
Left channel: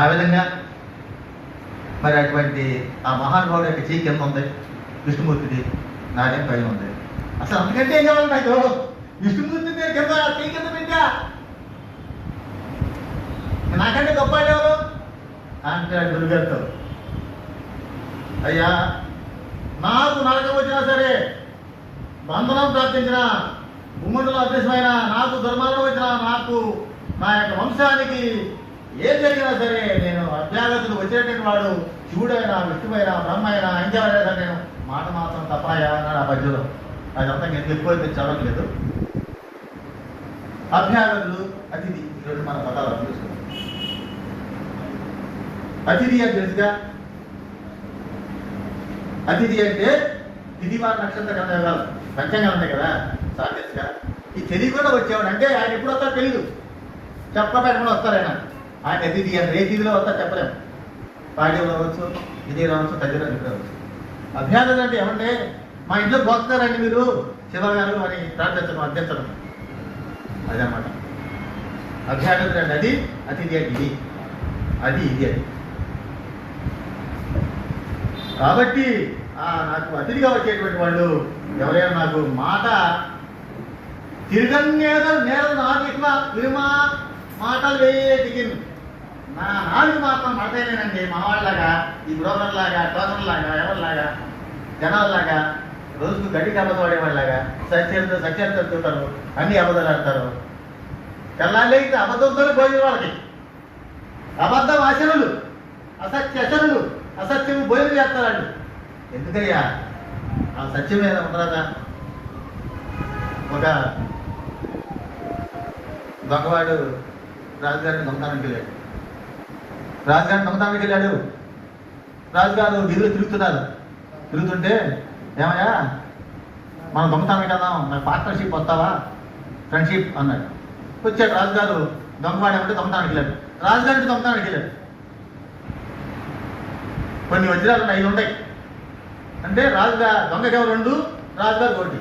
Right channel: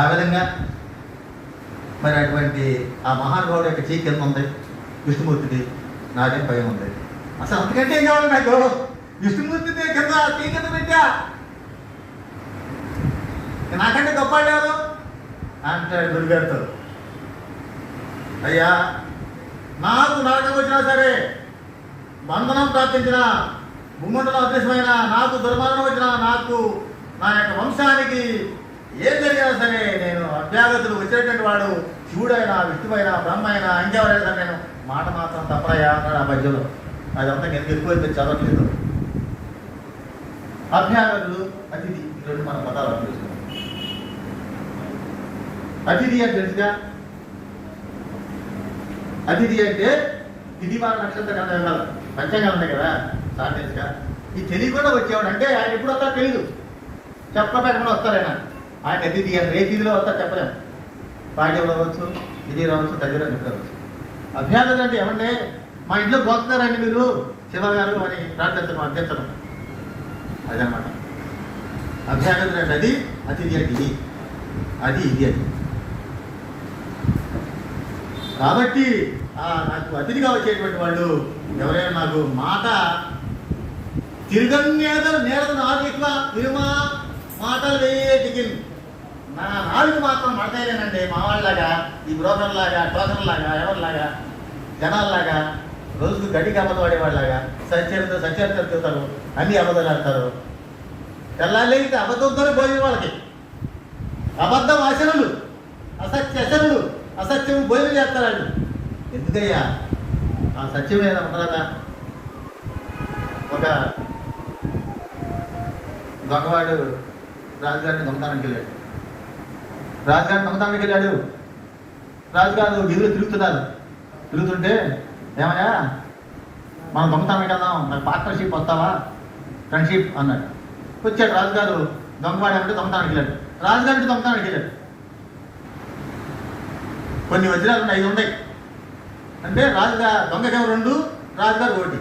ఆ విధంగా మరి అటువంటి ఆ మహానుభావుడు యొక్క చీ కింద ఉంది. విష్ణుమూర్తిది నాకేం భయం ఉంది. అసలు అంతకంటే ఏం కావాలి నాకు? విష్ణుమూర్తి కింద చీ కింద పెట్టా నాకంటే గొప్ప లేరు అంటే గురుగారితో అయ్యా నాకు నరకం వచ్చినా సరే బంధనం ప్రాప్తించిన గుమ్మతులు అదృశ్యమైన నాకు దుర్మరణం వచ్చినా నాకు నా యొక్క వంశానికి ఏం జరిగినా సరే నేను అభ్యాగతులు వచ్చేటువంటి వాడు శివుడైనా విష్ణువైనా బ్రహ్మైనా ఇంకెవరైనా సరే నేను మాట మాత్రం తప్పాయా అన్నాడు ఆ మధ్యలో. అదంతా నేను ఎక్కువ చదవట్లేదు. అభ్యాగతులు అతిథి రెండు మన పదాలు అనిపిస్తుంది. అతిథి అని తెలుసుగా. అతిథి అంటే తిథివార నక్షత్ర గ్రంథాలు పంచాంగాలు ఉన్నాయి కదా సార్ తెలుసుగా. ఈ తెలియకుండా వచ్చేవాడు అంటే ఆయన ఎప్పుడు వస్తారో తెలియదు. చెప్పబెట్టకుండా వస్తారు ఆయన అతిథి అని ఏ తిథిలో వస్తారు చెప్పలేము. పాడి రావచ్చు, విజయ రావచ్చు, దగ్గర నిద్రవచ్చు. అభ్యాగతులు అంటే ఏమంటే మా ఇంట్లో పోతున్నారండి మీరు శివ గారు అని ప్రార్థించడం అభ్యర్థం అదనమాట. అభ్యాగతులు అంటే అది అతిథి అంటే ఇది అది ఇది అది. కాబట్టి నాకు అతిథిగా వచ్చేటువంటి వాళ్ళు ఎవరైనా నాకు మాట తిరగనేదరు నేరదు నాలుగు విరుమా మాటలు వేటికి నా నాలుగు మాత్రం మాట్లాడలేనండి. మా వాళ్ళలాగా ఈ బ్రోకర్లాగా టోకర్లాగా ఎవరిలాగా జనాల్లాగా రోజుకు గడ్డికి అబద్ధం ఆడేవాళ్ళలాగా సత్యాలు తిరుగుతారు, అన్ని అబద్ధాలు ఆడతారు. తెల్లాలేగితే అబద్ధంతోనే భోజనం వాళ్ళకి. అబద్ధం ఆశనులు, అసత్యశనులు, అసత్యం భోజనం చేస్తారు. ఎందుకయ్యా ఆ సత్యం మీద ఉండదా? ఒక దొంగవాడు రాజుగారిని దొంగతానికి వెళ్ళాడు. రాజుగారిని దొంగతానికి వెళ్ళాడు. రాజుగారు వీధులు తిరుగుతుంటే ఏమయ్యా మనం దొంగతానికి వెళ్దాం, నాకు పార్ట్నర్షిప్ వస్తావా, ఫ్రెండ్షిప్ అన్నాడు. వచ్చాడు రాజుగారు. దొంగవాడు అంటే దొంగతానికి వెళ్ళాడు, రాజుగారు అంటే దొంగతానికి వెళ్ళాడు. కొన్ని వజ్రాలు 5 ఉన్నాయి అంటే రాజుగారు దొంగకేమో 2, రాజుగారు 1,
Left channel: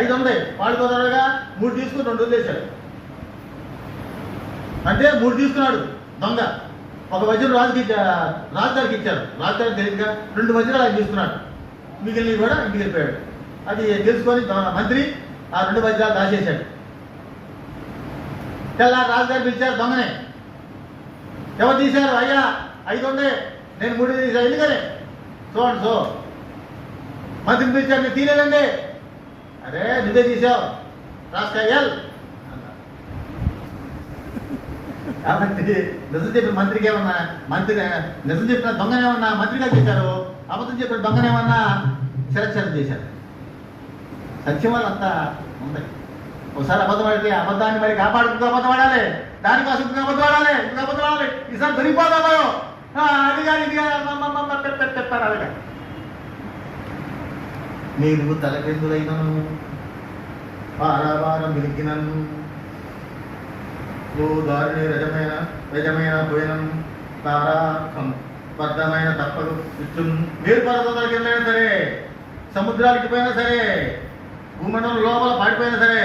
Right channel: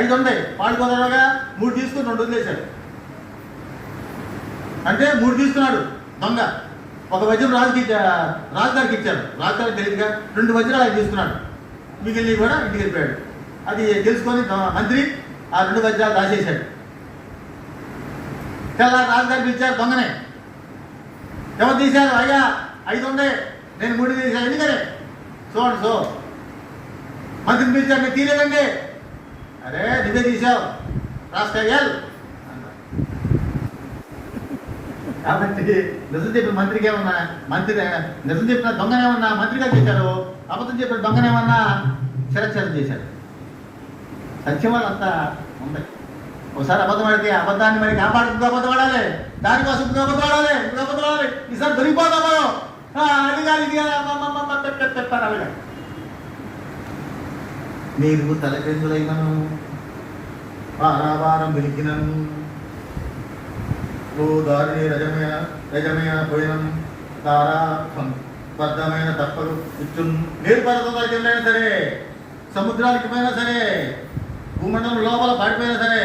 5 ఉన్నాయి. వాడు కుదరగా 3 తీసుకుని 2 వదిలేశాడు. అంటే 3 తీసుకున్నాడు దొంగ. ఒక వజ్రం రాజుగారికి ఇచ్చాడు. రాజుగారికి తెలియదుగా 2 వజ్రాలు ఆయన తీసుకున్నాడు. మిగిలినవి కూడా ఇంటికి వెళ్ళిపోయాడు. అది తెలుసుకొని మంత్రి ఆ 2 వజ్రాలు దాచేశాడు. తెల్లారి రాజుగారికి ఇచ్చారు దొంగనే. ఎవరు తీశారు? అయ్యా 5 ఉన్నాయి, నేను 3 తీశాను. ఎందుకని? చూడండి సో మంత్రిని పిలిచారు, మీరు తీయలేదండి. అరే నువ్వే తీసావు రాజకీయాలు. కాబట్టి నిజం చెప్పిన మంత్రికి ఏమన్నా నిజం చెప్పిన దొంగనేమన్నా మంత్రిగా చేశారు, అబద్ధం చెప్పిన దొంగనేమన్నా శిరచ్ఛేదం చేశారు. సత్యం వాళ్ళంతా ఉన్నాయి. ఒకసారి అబద్ధం ఆడితే అబద్ధాన్ని మరి కాపాడుకుంటూ అబద్ధం ఆడాలి, దానికోసం అబద్ధం ఆడాలి, అబద్ధం ఆడాలి. ఈసారి దొరికిపోతాము అడిగాలి అడిగా నేను తలపెందులైనను వారావారం వెలిగినను ఓ దారిని రజమైన పోయినం తారా బద్ధమైన తప్పలు ఇచ్చు నీరు పర్వతాలకి వెళ్ళైనా సరే, సముద్రాలకి పోయినా సరే, భూమండలం లోపల పడిపోయినా సరే,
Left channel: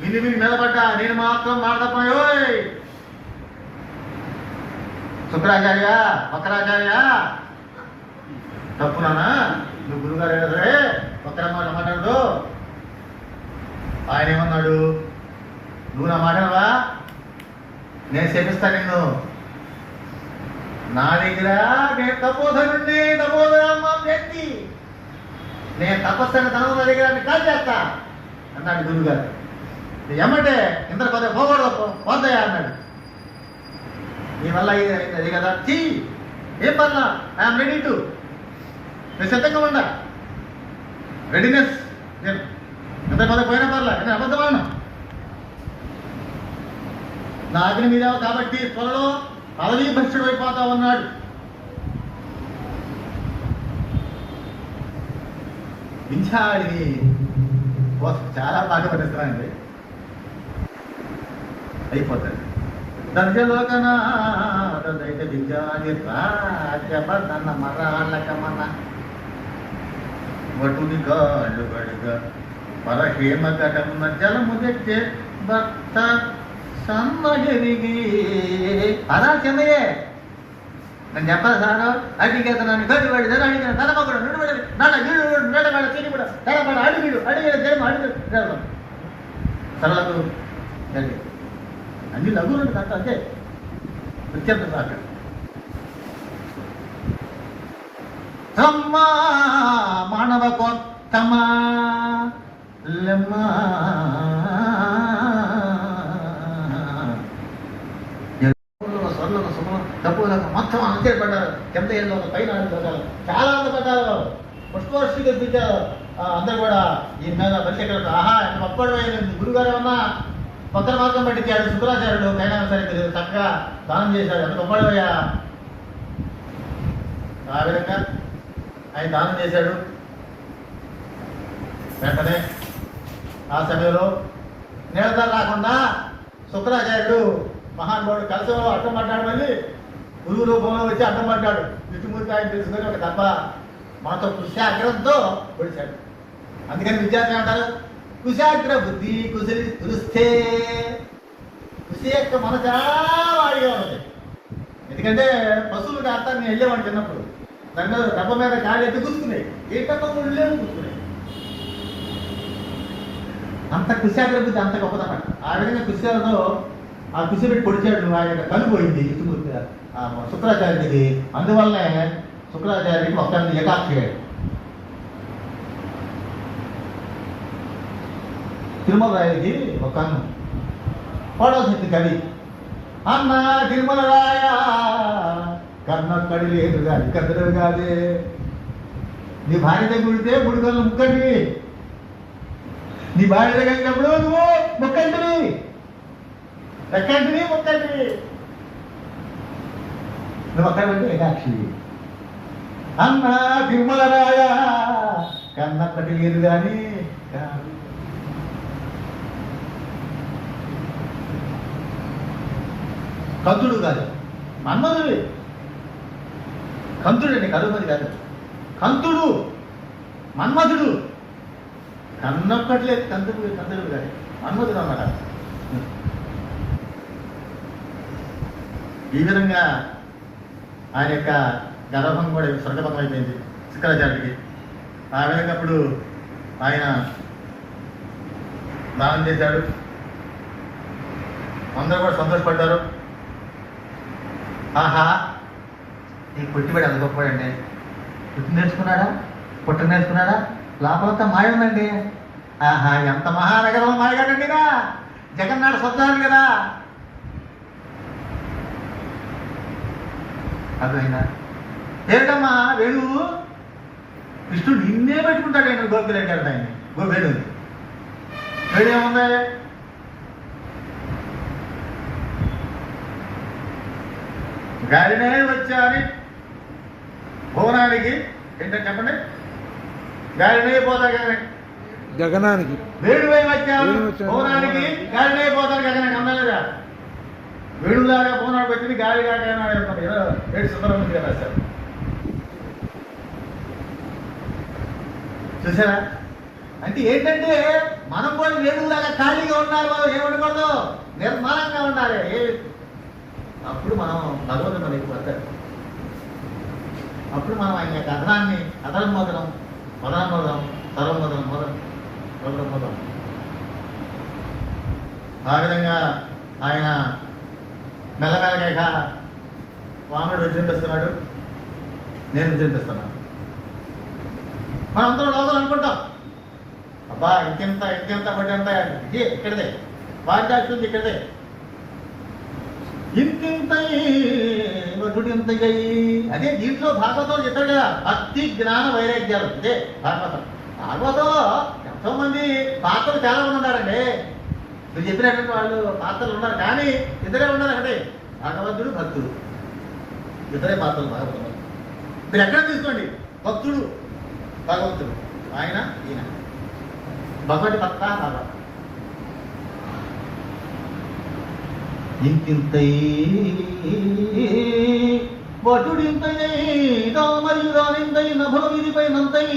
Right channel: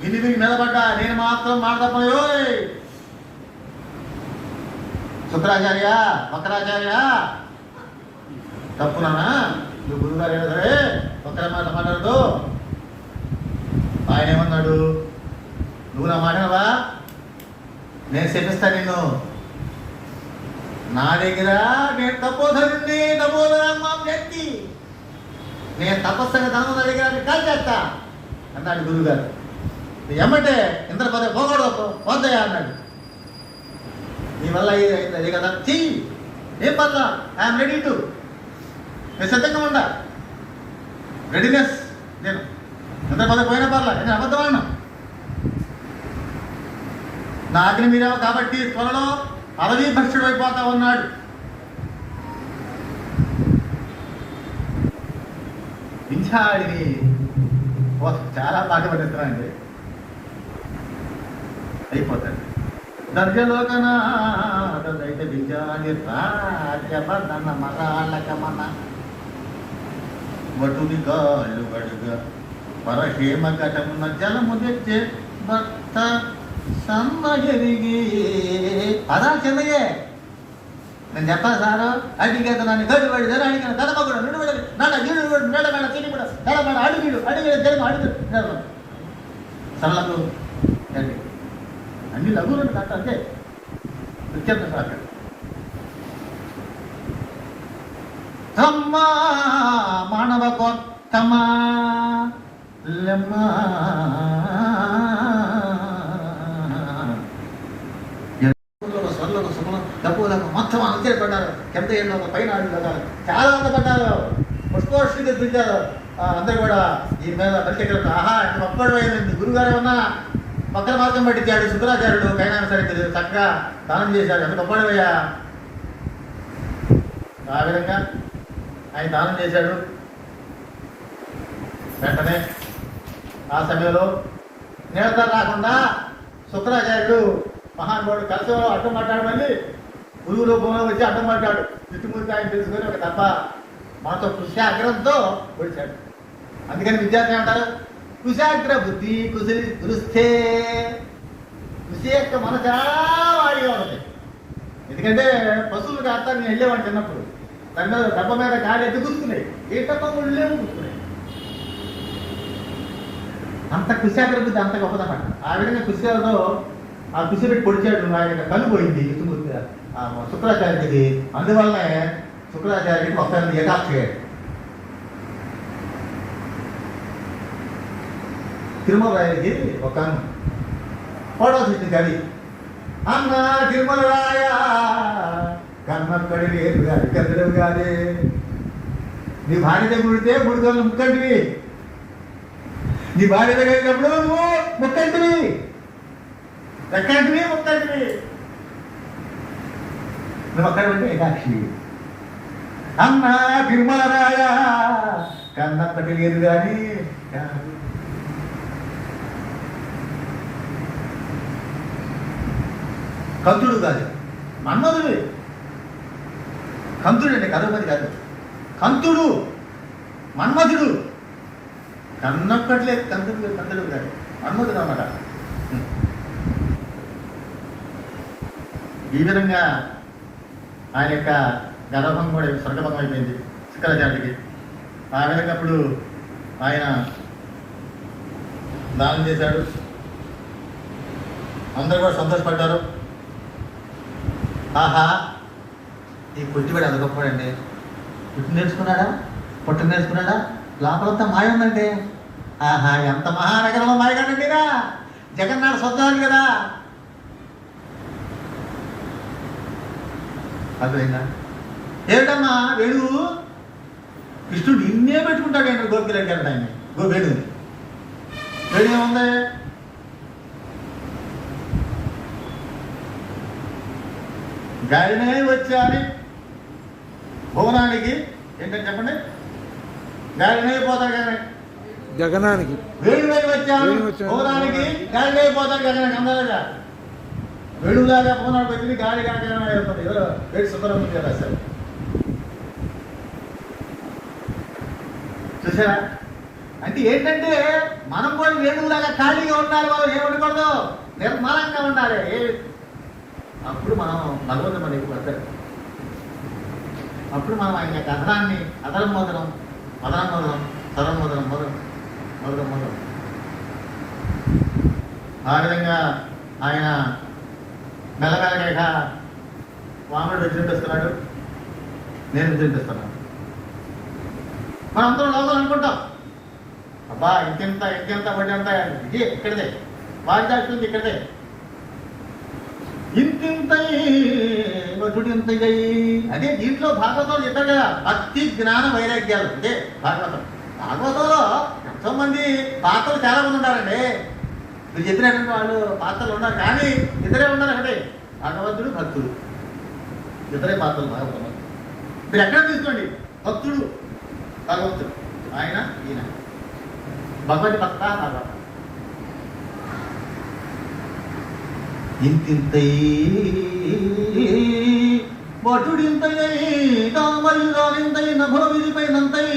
విని నిలబడ్డా నేను మాత్రం మాట్లాడపోయో. శుక్రాచార్య వక్రాచార్య తప్పునా నువ్వు గురుగారు అయినా సరే ఒక్కరి మాట మాట్లాడదు. ఆయన ఏమన్నాడు? నువ్వు నా మాటవా, నేను శపిస్తాను నిన్ను. నా దగ్గర నేను తపోధనుండి వ్యక్తి, నేను తపస్సుని ధనము నా దగ్గర కాల్ చేస్తా అన్నాడు గురుగారు. ఏమంటే ఇంత పదే పోకూడదు పోతాయా అన్నాడు. నీ వల్ల అది కదా ఏం పర్లా, ఐఎమ్ రెడీ టు, నేను సిద్ధంగా ఉండా, రెడీనెస్. నేను ఎంత పదే పోయినా పర్లా, నేను అబద్ధమాడినా. నా అగ్ని మీద కాబట్టి త్వరలో అలవీ భ్రష్టుడు అయిపోతా ఉన్నాడు. వింఛాడిని చాలా పాట పడిస్తానండి, అయిపోతాడు. దర్జలోకనాదైతే దిగాలి రాజపన్న మరాలకమన వటుని గాళ్ళు గడుగా పరహేమ ఘటన జలము తెచ్చే భర్త సమ్మగిరిగి. అదా చెందయ్యే నేను చెప్పాలి సారు. అడిగేత నన్ను గడిపడి ధర అడిగిన ధనమగుడు నుడిపడి నన్ను గిడు మేడ మేడ చెల్లిపడ ధనపడ అడిగిడు ధర్మ అడిగి సలాదు అన్ని లఘువులు కట్ట అంతే నిత్యం రాక తమ్మా మానవ కొత్తమా డబ్బులకు మొత్తం అంతే పడ్డారు. ఎంత ఏళ్ళ పైన చాలా పడ్డారు, పుష్పవర్షి తెప్పించారు. అందరూ కూడా దీని మీద పరిచయం ఆహా ఎంత ఒక్కడు అయింది. గురుగారు ఏమన్నా పక్కన మార్గం పట్టించాడు. శుక్రాచార్యుడు కైనా సరే చక్కగా దానం చేశాడు. ఎంత గొప్పడిపోయా ఆ విధంగా ఆయన దానం చేశాడు. వెంటనే ఆ సమయంలో నిరంతరం రాకుండా శుక్రాచార్యుడు మహానుభావుడు కలిసి అడ్డం మాట్లాడు. మళ్ళీ గురువులో భూమిలో వచ్చి అడ్డం మాట్లాడు. చుట్టుముట్టు ఆయన తెలుసుకొని ఒక తప్ప మాతో కుశాగ్రంతో పొడిచాడు. అందుకని విద్యార్థులు ఏమంటారు? కుశాగ్ర బుద్ధి కుశలి కురుస్తే. కుశి యొక్క మన చాలా వాడిగా ఉంటాయి. ఎందుకంటే పశువులకి అర్థాన్ని వెళ్ళేవాడు చిన్నప్పుడు దాని మీద దెబ్బ మీద గాలి ఎత్తి కూర్చున్నాయి, ఏ తక్కువ ఉండలేము కూర్చున్నాయి. అంత కుశాగ్ర బుద్ధి అంత గొప్పదన్నమాట. ఆ విధంగా కుశలతో ఆ కుశి పెట్టి పొడిచాడు. ఆయన కన్ను పోయింది చుట్టుముట్టు శుక్రాచార్యుడికి. అందువల్లనే శుక్రాచార్యుడికి ఒకసారి ఏకాక్షి అయ్యాడు. తిరుమల రాయడికి ఒక కన్ను పడవచ్చింది గడి. అన్న తిరుమల రాయ కన్నక్కడి లేదు కాదు కదలేవు కాదే. నీ భార్య దగ్గర ఉడితే బుడిగొల్లు ముక్కంటివి, నీ భార్య దగ్గర అయినప్పుడు నువ్వు ముక్కంటివి, ఎక్కంటివి ముక్కంటివి. నువ్వు అక్కడ ఉంటే ఏకాక్షి. అన్న తిరుమల రాయ కన్నక్కడి లేదు కానీ కంతుడు కాదు, మన్మధుడు. కంతుడు అండి, కరుమది కాదు. కంతుడు, మన్మధుడు. కన్నప్పట్లేదు కంతుడు, కంతుడు కాదు, మన్మధుడు అన్నమాట. ఈ విధంగా ఆయన యొక్క గర్భం కూడా స్వర్గభం అయిపోయింది శుక్రాచార్యుడికి. ఆ విధంగా అప్పుడు ఆయన దానం చేశాడు, అందరూ కూడా సంతోషపడ్డారు. ఆహా, ఈ పుట్టివాడు ఎంత గొప్పవాడండి, పుట్టి నేర్చుకున్నాడా, పుట్ట నేర్చుకున్నాడా, లోపలంతా మాయ ఉందండి. ఆహా, ఎంత మహానగరం మాయగాడండిరా, జగన్నాథ స్వప్నాడు కదా. అర్థమైందా? ఏమిటమ్మా వేణువు, కృష్ణుడు నిన్నే పెట్టుకుంటాడండి గోపిరెడ్డి అంటే ఆయన వేణు. వేణు ఏముంది, గాలినే వచ్చాని భువనానికి, ఏంటంటే చెప్పండి, గాలినే పోతా కానీ గగనానికి, వేణువై వచ్చాను భువనానికి, గాలినే పోతాను గగనానికి. అందలేదా? వేణులాగా భువనాలు పెట్టింది గాలి కాక వేడి సుబ్రహ్మణ్యం రాశారు. చూసారా? అంటే ఏంటంటే మనం కూడా వేణువులాగా ఖాళీగా ఉండాలి, ఏముండకూడదు, నిర్మలంగా ఉండాలి. అప్పుడు మనం భగవంతుడు మనకి వస్తాడు. అప్పుడు మనం ఆయన యొక్క అర్థాన్ని అదరమోదనం, అదరమోదనం, తరమోదనం, మొదలం. ఆ విధంగా ఆయన మెల్లమెల్లగా వామనుడు విజృంభిస్తున్నాడు, నేను విజృంభిస్తున్నాను. మనం అందరం లోపల అనుకుంటాం, అబ్బా ఇంకెంత బడి అంతా ఇక్కడదే, బాధ్యత ఇక్కడదే, ఇంతింతయి అదే దీంట్లో భాగవతం చెప్పారు కదా, భక్తి జ్ఞాన వైరాగ్యాలు. అదే భాగవతం. భాగవతంలో ఎంతో మంది పాత్రలు చాలా మంది ఉన్నారండి. మీరు చెప్పినటువంటి వాళ్ళు పాత్రలు ఉన్నారు, కానీ ఇద్దరే ఉన్నారు అక్కడే, భగవంతుడు భక్తుడు, ఇద్దరే పాత్రలు భాగవతంలో. మీరు ఎక్కడ తీసుకోండి, భక్తుడు భగవంతుడు, ఆయన ఈయన భగవతి భక్త భాగవతం. ఇంతింతై వటుడింతై తామయుగానింతై నభోవిరిపైనంతై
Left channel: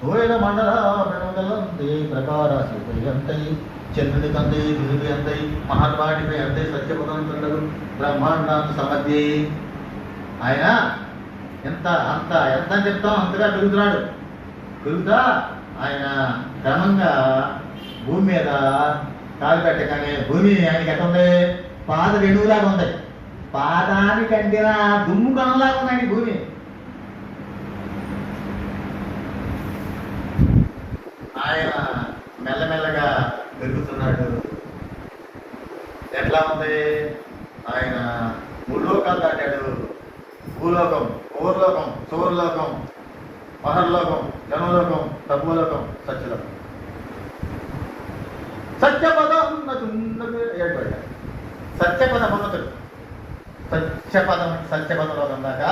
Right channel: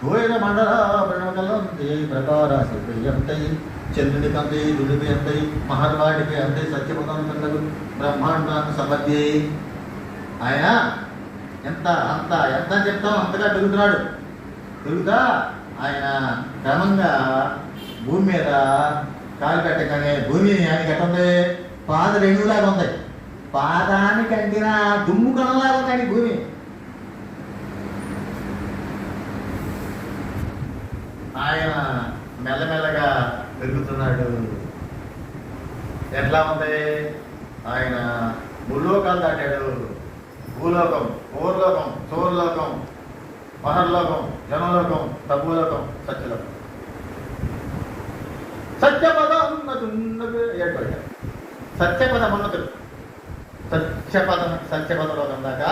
తోయన మండలాభరణగలంతే ప్రకారాశంతై చంద్రునికంతై దులిపై అంతై మహర్వాడిపై అంతే సత్యపదంతుడు బ్రహ్మాండాంత సమధ్యే. ఆయన ఎంత చెప్తాం అంతగా తిరుగుతున్నాడు. తిరుగుతా ఆయన క్రమంగా భూమి మీద కాలు పెట్టగానే భూమి ఆయనకి ఎట్లా ఉంది, పాద వెణువులాగా ఉంది, పాదానికి అంటిన దుమ్ము కణంలాగా ఉందండి భూమి. ఆయన మెల్లమెల్లగా పెరుగుతున్నాడు. ఎట్లా ఉంది, ఆయన ముల్లోకాలు దాటాడు. భూలోకం, ఓర్లోకం, సోర్లోకం, మహర్లోకం, జనలోకం, తమోలోకం, సత్యలోకం. సత్యపదం సత్యపదం ఉన్నతుడు, సత్యపదంలో ఉన్నాక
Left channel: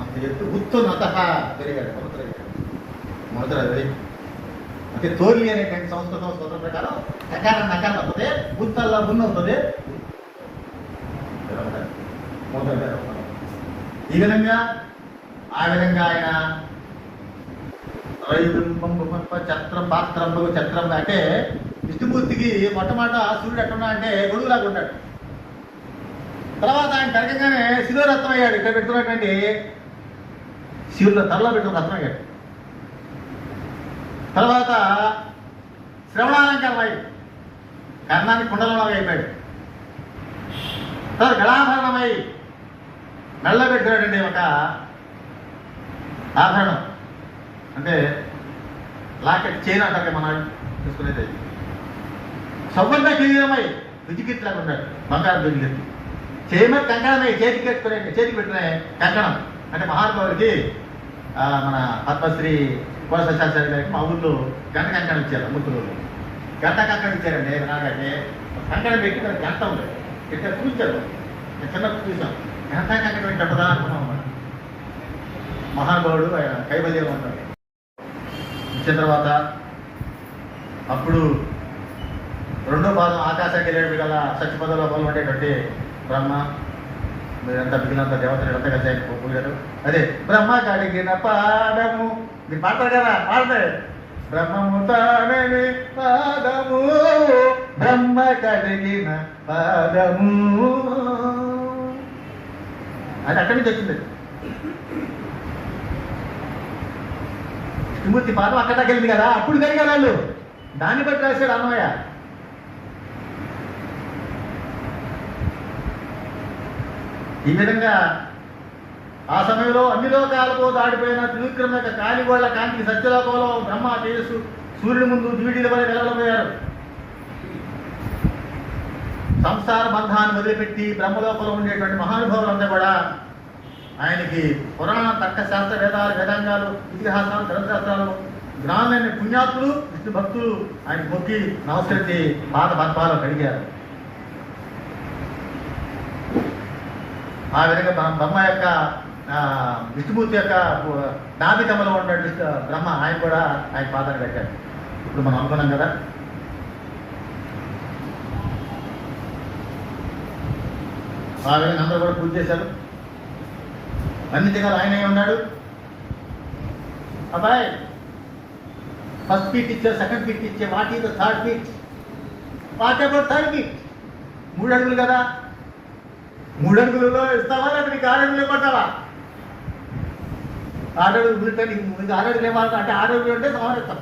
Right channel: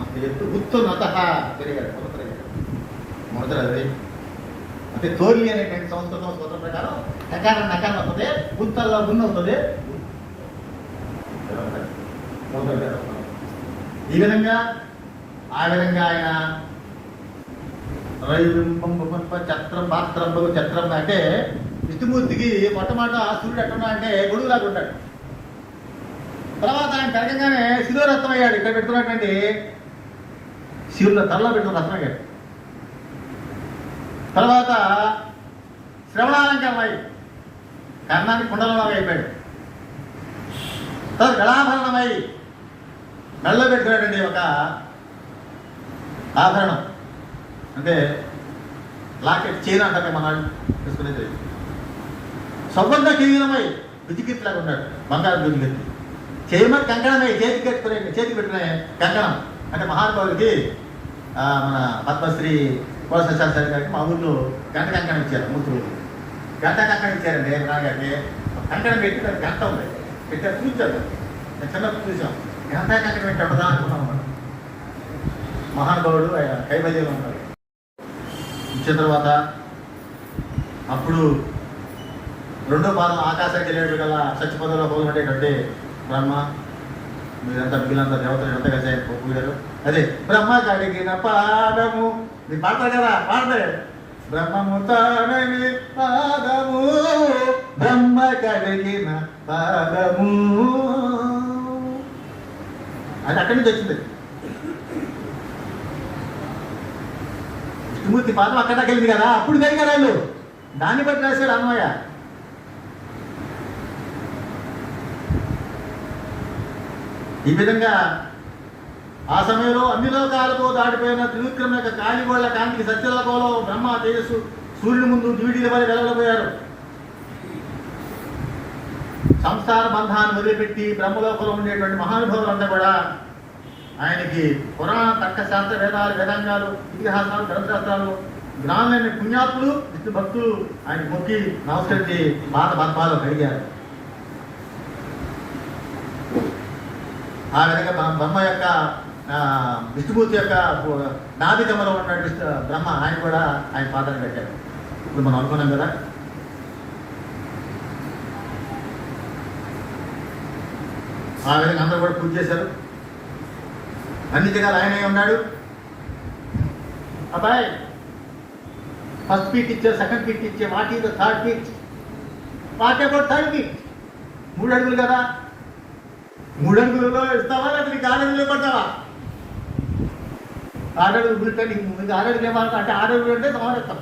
అంత ఎత్తు ఉత్తున్నత పెరిగాడు. మొదలు అంటే తోలి అనేటువంటి సంస్కృతం సూత్రం ప్రకారం నకారం వస్తుంది, ఉత్తల్లో ముందు అవుతుంది. ఈ విధంగా ఆ విధంగా ఆయన చత్రం పాత్రంలో చత్రం అంటే విష్ణుమూర్తికి మొట్టమొదట సూర్యుడు ఎక్కడ అంటే గొడుగులాగా ఉంటాడు. తర్వాత ఆయన కడగంగానే శిరోరత్నం అయ్యాడు. ఇక్కడ పెట్టుకున్నటువంటి శివులో తలలో పెట్టుకుని రత్నం అయ్యాడు. తర్వాత శ్రవణాలంకారం అయ్యి కర్ణానికి కుండలమాగా అయిపోయాడు. తర్వాత గళాభరణమై మెల్ల పెట్టినటువంటి ఒక ఆభరణం, అంటే లాకెట్ చైన్ అంటారు మనం చూసుకునేది. సౌగంధ కిరీటమై విజికిట్లాగా ఉన్నాడు, బంగారం విజికెత్తి. చేయమని కంకణమై చేతికి పెట్టిన కంకణం అంటే మహానుభావుడికి మన పద్మశ్రీ కోసశాస్త్రి గారికి మా ఊళ్ళో గంట కంకణం ఇచ్చారు. ముత్తులు గంట కంకణం ఇచ్చారండి. నాకంటే కంకణం పెట్టి దానికి గంట ఉంది పెట్టారు, చూపించారు. నేను చిన్నప్పుడు చూసాం. గంట కంకణం పెట్టి చెప్పదా అనుకున్నాం అన్నమాట. మహానుభావుడు ఆయన కైవల్యం అంటారు. ఇచ్చిన తర్వాత అప్పుడు రెండో పాదం ఆకాశానికి వెళ్ళేటువంటి కదా సత్యపదంలో పాల్గొనేటువంటి బ్రహ్మ మీరంతా మిగిలినంత దేవతలు ఎంత కలిసి ఆయన పోయారు. అదే బ్రహ్మ కడిగిన పాదము మీరు పాడతారు కదా, పాడతారు బ్రహ్మము తానని పాదము బ్రహ్మ కడిగిన పాదము అది అక్కడి నుంచి వచ్చింది. విష్ణుమూర్తి పాదం అక్కడ కలిగింది కదా, అప్పుడు కలిగారు వాళ్ళు. దాన్ని బట్టి రాశాడు అన్నయ్య. ఈ విధంగా ఆ సమయంలో అన్ని లోకాలతో దాటిపోయిన త్రివిక్రమ యొక్క కాలిగోళ్ల కాంతి సత్యలోకంలో బ్రహ్మ తేజస్సు సూర్యుని ముందు జీవిడీల వల్ల వెలవలపోయారు. సంసార బంధాన్ని వదిలిపెట్టి బ్రహ్మలోకంలో ఉండేటువంటి మహానుభావులంతా కూడా ఆయనకి పురాణ తర్క శాస్త్ర వేదాలు వేదాంగాలు ఇతిహాసాలు గ్రంథశాస్త్రాలు జ్ఞానమైన పుణ్యాత్ములు విష్ణు భక్తులు ఆయన మొక్కి నమస్కరించి పాద పద్మాలు అడిగారు. ఆ విధంగా బ్రహ్మ యొక్క విష్ణుమూర్తి యొక్క నాభి కమలం ఉన్నటువంటి బ్రహ్మ ఆయన కూడా ఆయన పాదాన్ని పెట్టారు. ఇప్పుడు మనం అనుకున్నాం కదా, ఆ విధంగా అందరూ కూడా పూజ చేశారు. అన్ని జగాలు ఆయనే ఉన్నాడు. అబ్బాయి ఫస్ట్ పీక్ ఇచ్చే, సెకండ్ పీక్ ఇచ్చే, what is the third peak, what about third peak? 3 అడుగులు కదా, 3 అడుగులలో ఇస్తావా లేదా నీకు 6 అడుగులు కొడతావా? 6 అడుగులు మీకు 6 అడుగులు ఏమంటా అంటే 6 అడుగులు అంటే సమర్థిస్తాం,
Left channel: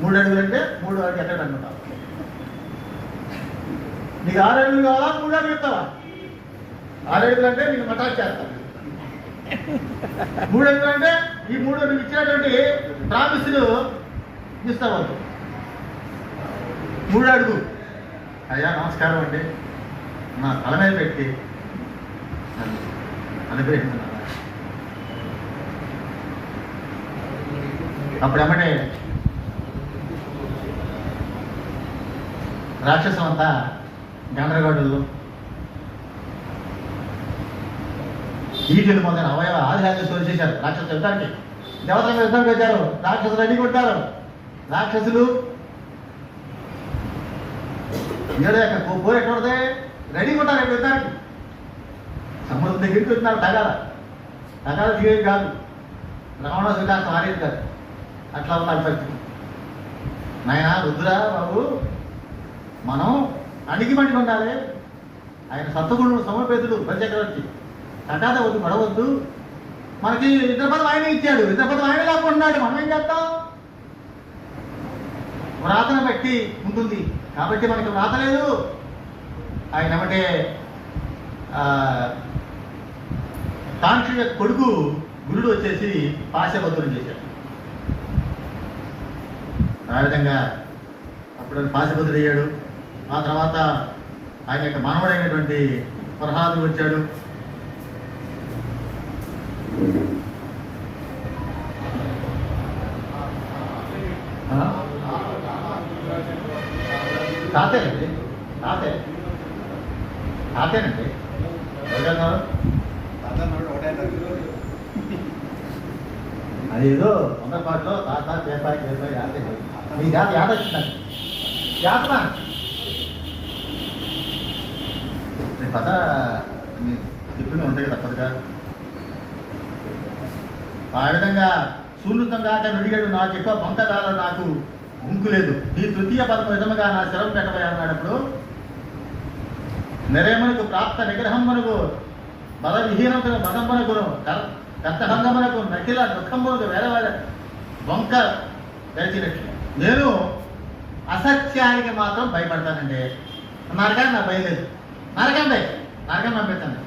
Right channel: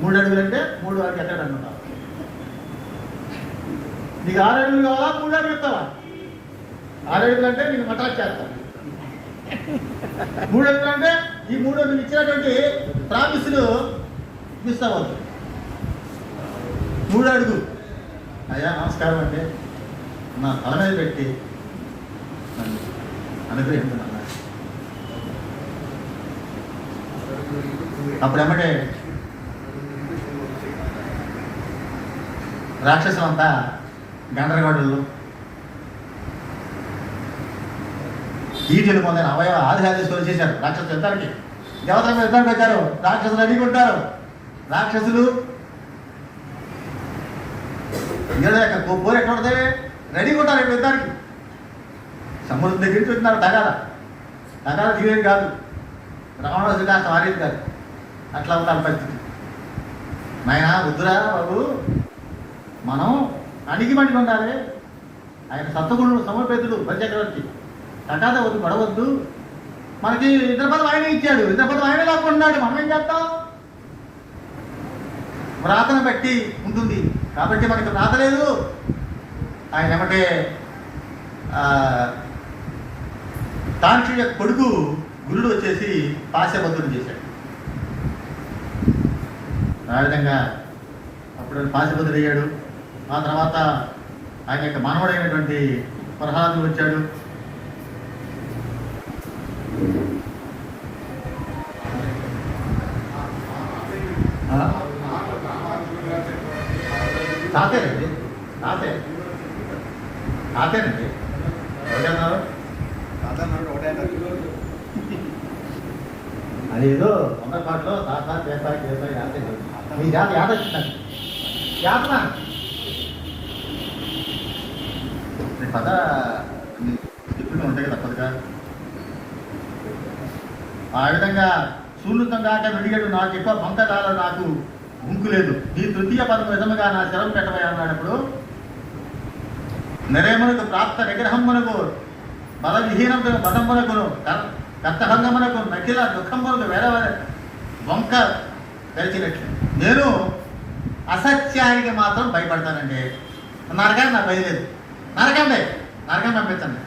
3 అడుగులు అంటే 3 వరకు ఎక్కడ అనుకుంటావు. నీకు 6 అడుగులు కావాలా, 3 అడుగులు ఇస్తావా? 6 అడుగులు అంటే నీకు మటాక్ చేస్తాను. 3 అడుగులు అంటే ఈ 3 నువ్వు ఇచ్చేటువంటి ప్రామిస్లు ఇస్తావు. 3 అడుగు అయ్యా నమస్కారం అండి, నా తల మీద పెట్టి నన్ను అనుగ్రహించున్నాను. అప్పుడేమంటే రాక్షసులంతా గందరగోళులు ఈటలు మొదలైన అవయవ ఆదిహాదేశ్వరులు చేశారు. రాక్షసులు యుద్ధానికి దేవతలకు యుద్ధానికి వచ్చారు. రాక్షసులు అడిగుంటారు. రాక్షసులు ఏదో యొక్క పోరేటువంటి రెడీగా ఉంటారు యుద్ధానికి. సముద్రం దగ్గరికి వెళ్తున్నారు. తగాద దిగేది కాదు. రావణాసుడు కాస్త మారేస్తారు. అట్లా ఉండాలి పరిస్థితి. నాయన వద్దురా బాబు, మనం అణిగి మండి ఉండాలి. ఆయన సత్వగుణుడు సమర్పేతుడు బలిచక్రవర్తి. తగాద వద్దు, పడవద్దు. మనకి ఇంద్రపదం ఆయన ఇచ్చాడు, ఇంద్రపదం ఆయన లేకున్నాడు. మనం ఏం చేస్తాం? వ్రాతను బట్టి ఉంటుంది కాబట్టి మనకు వ్రాత లేదు. ఆయన ఏమంటే కాంక్ష కొడుకు గురుడు వచ్చేసి పాశబద్ధులు చేశాడు. ఆ విధంగా అప్పుడు పాశబద్ధుడు అయ్యాడు. ఆ తర్వాత ఆయన యొక్క మానవుడైనటువంటి ప్రహ్లాదుడు వచ్చాడు. తాతేనండి, తాతేనండి ఎవరన్నారు? అదేదో తొందరపాటులో తాత చేపాయి యాత మీ జాత యాత వచ్చిందండి. యాతన కథ చెప్తూనే ఉంటాయి తప్పదుగా. ఆ విధంగా సూర్యుతం కాక విడిగాడు. నాకు ఎక్కువ పంటకాల నాకు ముంకు లేదు. నీ తృతీయ పదం విధముగా నా శరం పెట్టబోయా ఉన్నాడప్పుడు నిరేమునకు ప్రాప్త నిగ్రహమునకు బల విహీనమునకు మతంబనకును కర్తభంగమునకు నకిల దుఃఖమునకు వేరే వంక గడిచినట్లు నేను అసత్యానికి మాత్రం భయపడతానండి. నరకాన్ని నాకు భయలేదు. నరకాన్ని పంపించండి,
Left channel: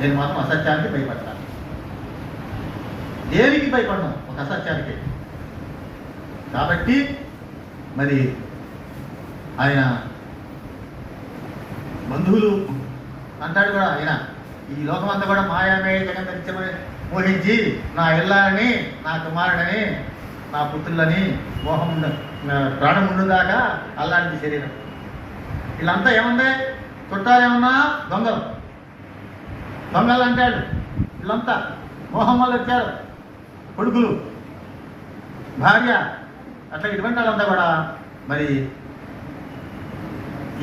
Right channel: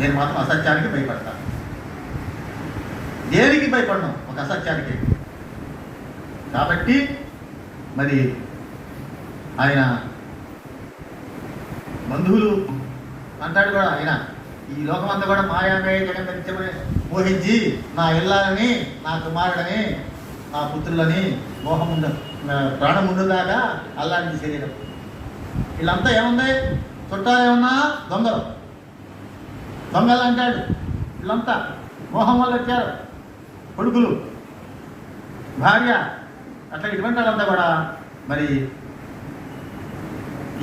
నేను మాత్రం అసత్యానికి భయపడతాను. దేనికి భయపడను? ఒక అసత్యానికి. కాబట్టి మరి ఆయన బంధువులు అంటాడు కూడా, ఆయన ఈ లోకమంతా కూడా మాయమే జగన్మని మోహించి నా ఇల్లాలని, నా కుమారుడని, నా పుత్రులని మోహం ప్రాణం ఉండుదాకా అల్లాంటి శరీరం. వీళ్ళంతా ఏముంది? చుట్టాలు ఏమన్నా దొంగలు అంటాడు. వీళ్ళంతా మోహం వల్ల వచ్చారు. కొడుకులు, భార్య, అట్లా ఇటువంటి వాళ్ళంతా కూడా మరి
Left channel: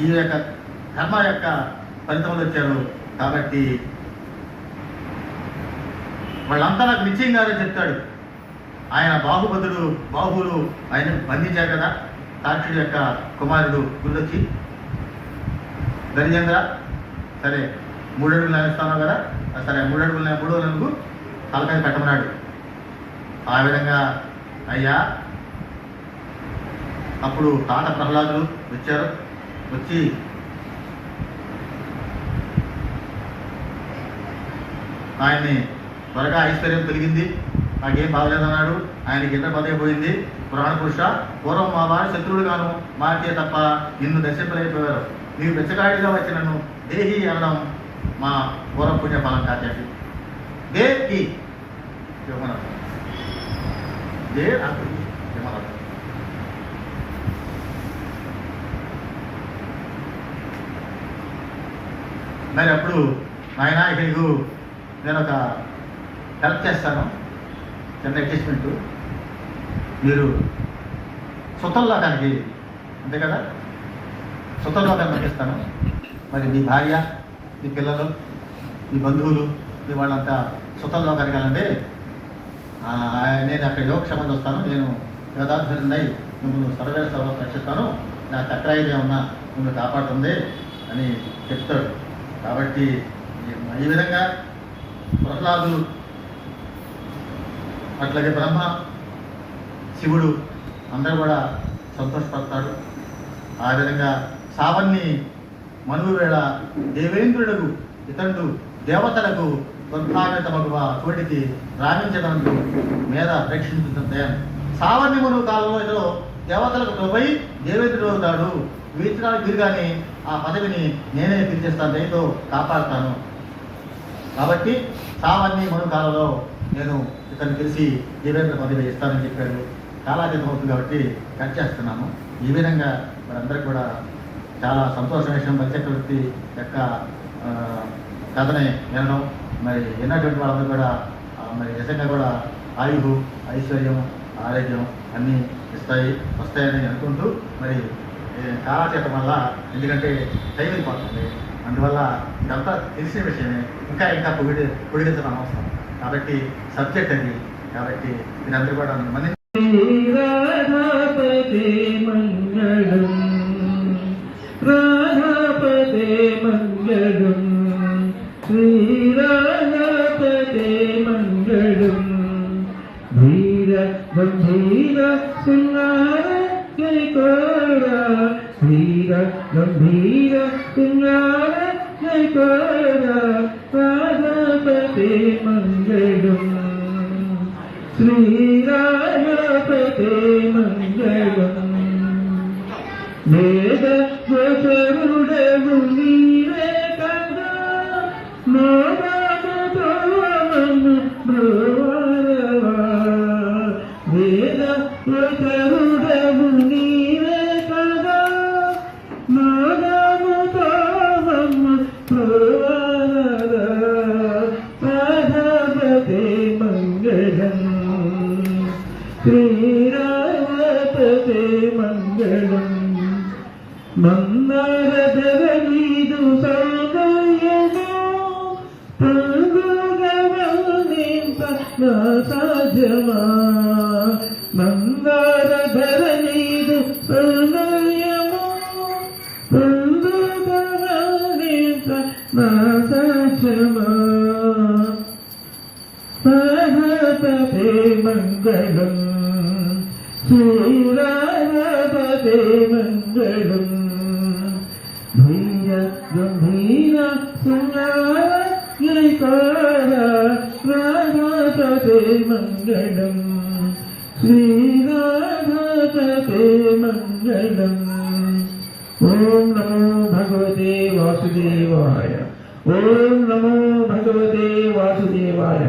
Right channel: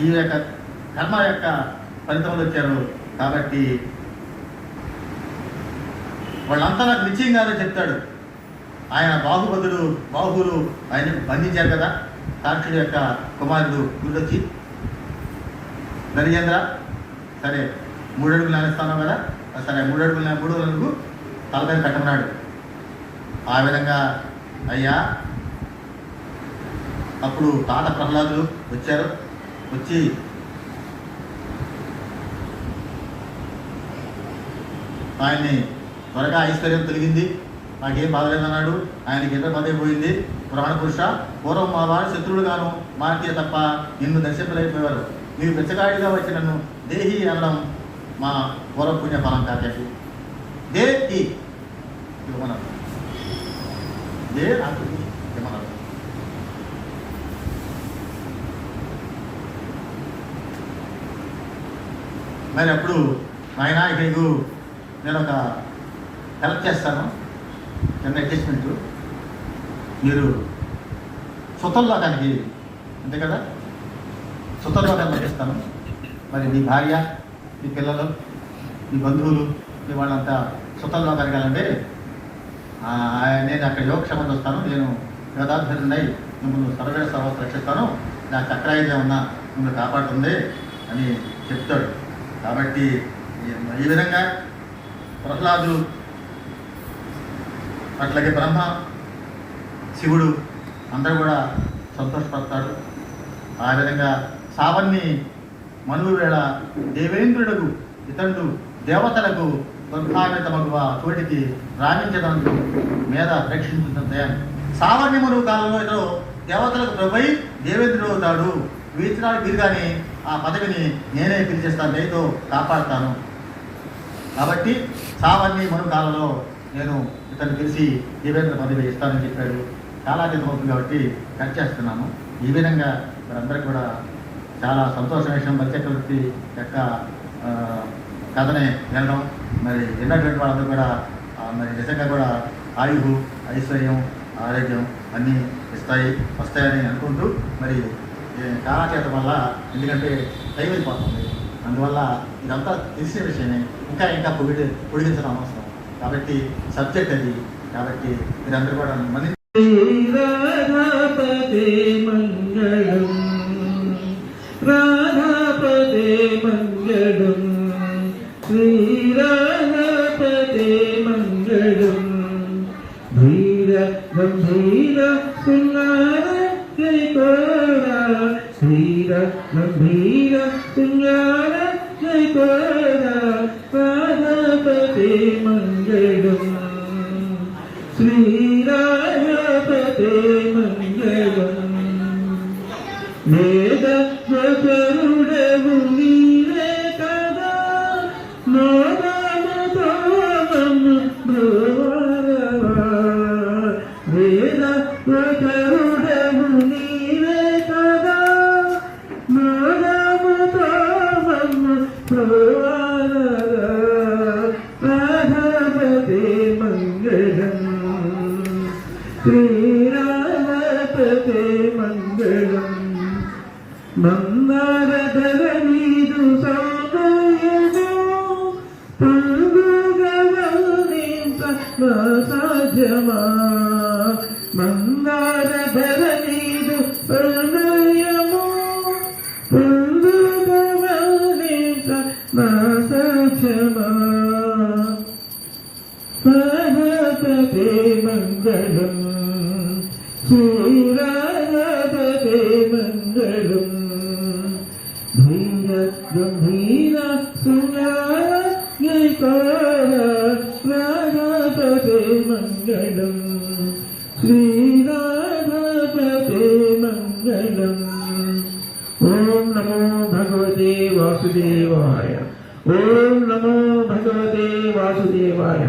ఈ యొక్క ధర్మ యొక్క ఫలితములు వచ్చారు. కాబట్టి వాళ్ళంతా నాకు నిశ్చయంగానే చెప్తాడు. ఆయన బాహువులు ఆయన బంధించారు కదా, సాక్షుడి యొక్క కుమారుడు గురొచ్చి, దరిజేంద్ర సరే 3 అడుగులు నేస్తాను కదా, సరే 3 అడుగులు తలకాయ కట్టమన్నాడు. ఆ విధంగా అయ్యా అప్పుడు తాత ప్రహ్లాదులు వచ్చారు. వచ్చి ఆయన్ని త్వరగా ఐశ్వర్యం తొలగింది, నాకేం బాధలేదన్నాడు. ఆయనకి ఎక్కడ పదైపోయింది. పురాణపురుష పూర్వం మా వారి శత్రువులుగాను మాకే తప్ప నిన్ను దర్శింపలేకపోయారు. మీరు బెచ్చగాడిగా వచ్చి నన్ను దేహి అనడం మా పూర్వ పుణ్య ఫలం కాచండి. దేహి మరి అప్పుడు నాయన నీకు నేను ఒక హెల్ప్ చేస్తాను, చిన్న అడ్జస్ట్మెంట్. మీరు సుతల్లోకానికి అంతే కదా, సుతల్లోకాన్ని నటిస్తాను. మరి మీ భార్య, మీ పిల్లలు, మీ బంధువులు, మీ వాళ్ళంతా సుతల్లోకానికి వెళ్ళండి. నేను అక్కడ యోగక్షేమం వస్తాను. నేను వేదాభ్యున్నై మిమ్మల్ని సర్వేణ సర్వ రక్షిస్తాను. నా చక్రాయుధం ఏమన్నా మిమ్మల్ని కాపాడుతుంది అని చెప్తాడు. కాబట్టి ఈ విధంగా ప్రహ్లాదులు, అట్లాగే బ్రహ్మ, శివుడు అందరూ కూడా సంతోషపడతాడు. ఆ విధంగా సావన్ని మనువు వేళ దేవేంద్రుడు ఇతరుడు దేవతలకు బ్రహ్మాండమగువ చోటికి రాణించడానికి మీద రక్షించుతుంది. సావన్ని మనువు కాలంలో ఇతడు దేవతలకు ప్రభై దేవేంద్రుడు అవుతాడు. వీర్చడానికి వీరుగానే ఆ పదవిని నేనే పిలిచేస్తాను, నేతో కాపాడుతాను. కాబట్టి సావన్ని మనువు కాలంలో నేను ఇతను పిలిచి దేవేంద్ర పదవి ఇస్తానని చెప్పాడు. చాలా అవుతుంది కాబట్టి కట్ చేస్తున్నాము. ఈ విధంగా అందరికీ కూడా చాలా సంతోషం విషయం. బలిచక్రవర్తి యొక్క కథని వినడం, మరి విన్నటువంటి వాళ్ళందరూ కూడా మరి నిజంగా కూడా ఆయువు, ఐశ్వర్యం, ఆరోగ్యం అన్నీ వస్తాయని అనుకుంటూ, మరి కాలక్షేత్రం వల్ల, ఎందుకంటే టైం అయిపోతుంది, అందువల్ల ఇదంతా తెలిసిన విషయమే. ఇంకా పొడిగించడం అవసరం. కాబట్టి సబ్జెక్ట్ అది. కాబట్టి మీరందరూ కూడా మన రాధాపతే మంగళం, రాధాపతే మంగళం, శ్రీరాధాపతే మంగళం. ధీర గంభీర సింగార జయ కోరా, ధీర గంభీర సింగార జయ కోరా. రాధాపతే మంగళం, శ్రీరాధాపతే మంగళం. వేద జపరుడవు నీవే కదా, నాదముతో నన్ను బ్రోవరవా. వేద జపరుడవు నీవే కదా, నాదముతో నన్ను బ్రోవరవా. రాధాపతే మంగళం, శ్రీరాధాపతే మంగళం. మందారధర నీదు సౌందర్యము పొందుగవనింత నా సాధ్యమా. మందారధర నీదు సౌందర్యము పొందుగవనింత నా సాధ్యమా. రాధాపతే మంగళం, శ్రీరాధాపతే మంగళం. ధీర గంభీర సింగార రాధాపతే మంగళం, శ్రీరాధాపతే మంగళం. ఓం నమో భగవతే వాసుదేవాయ. ఓం నమో భగవతే వాసుదేవాయ.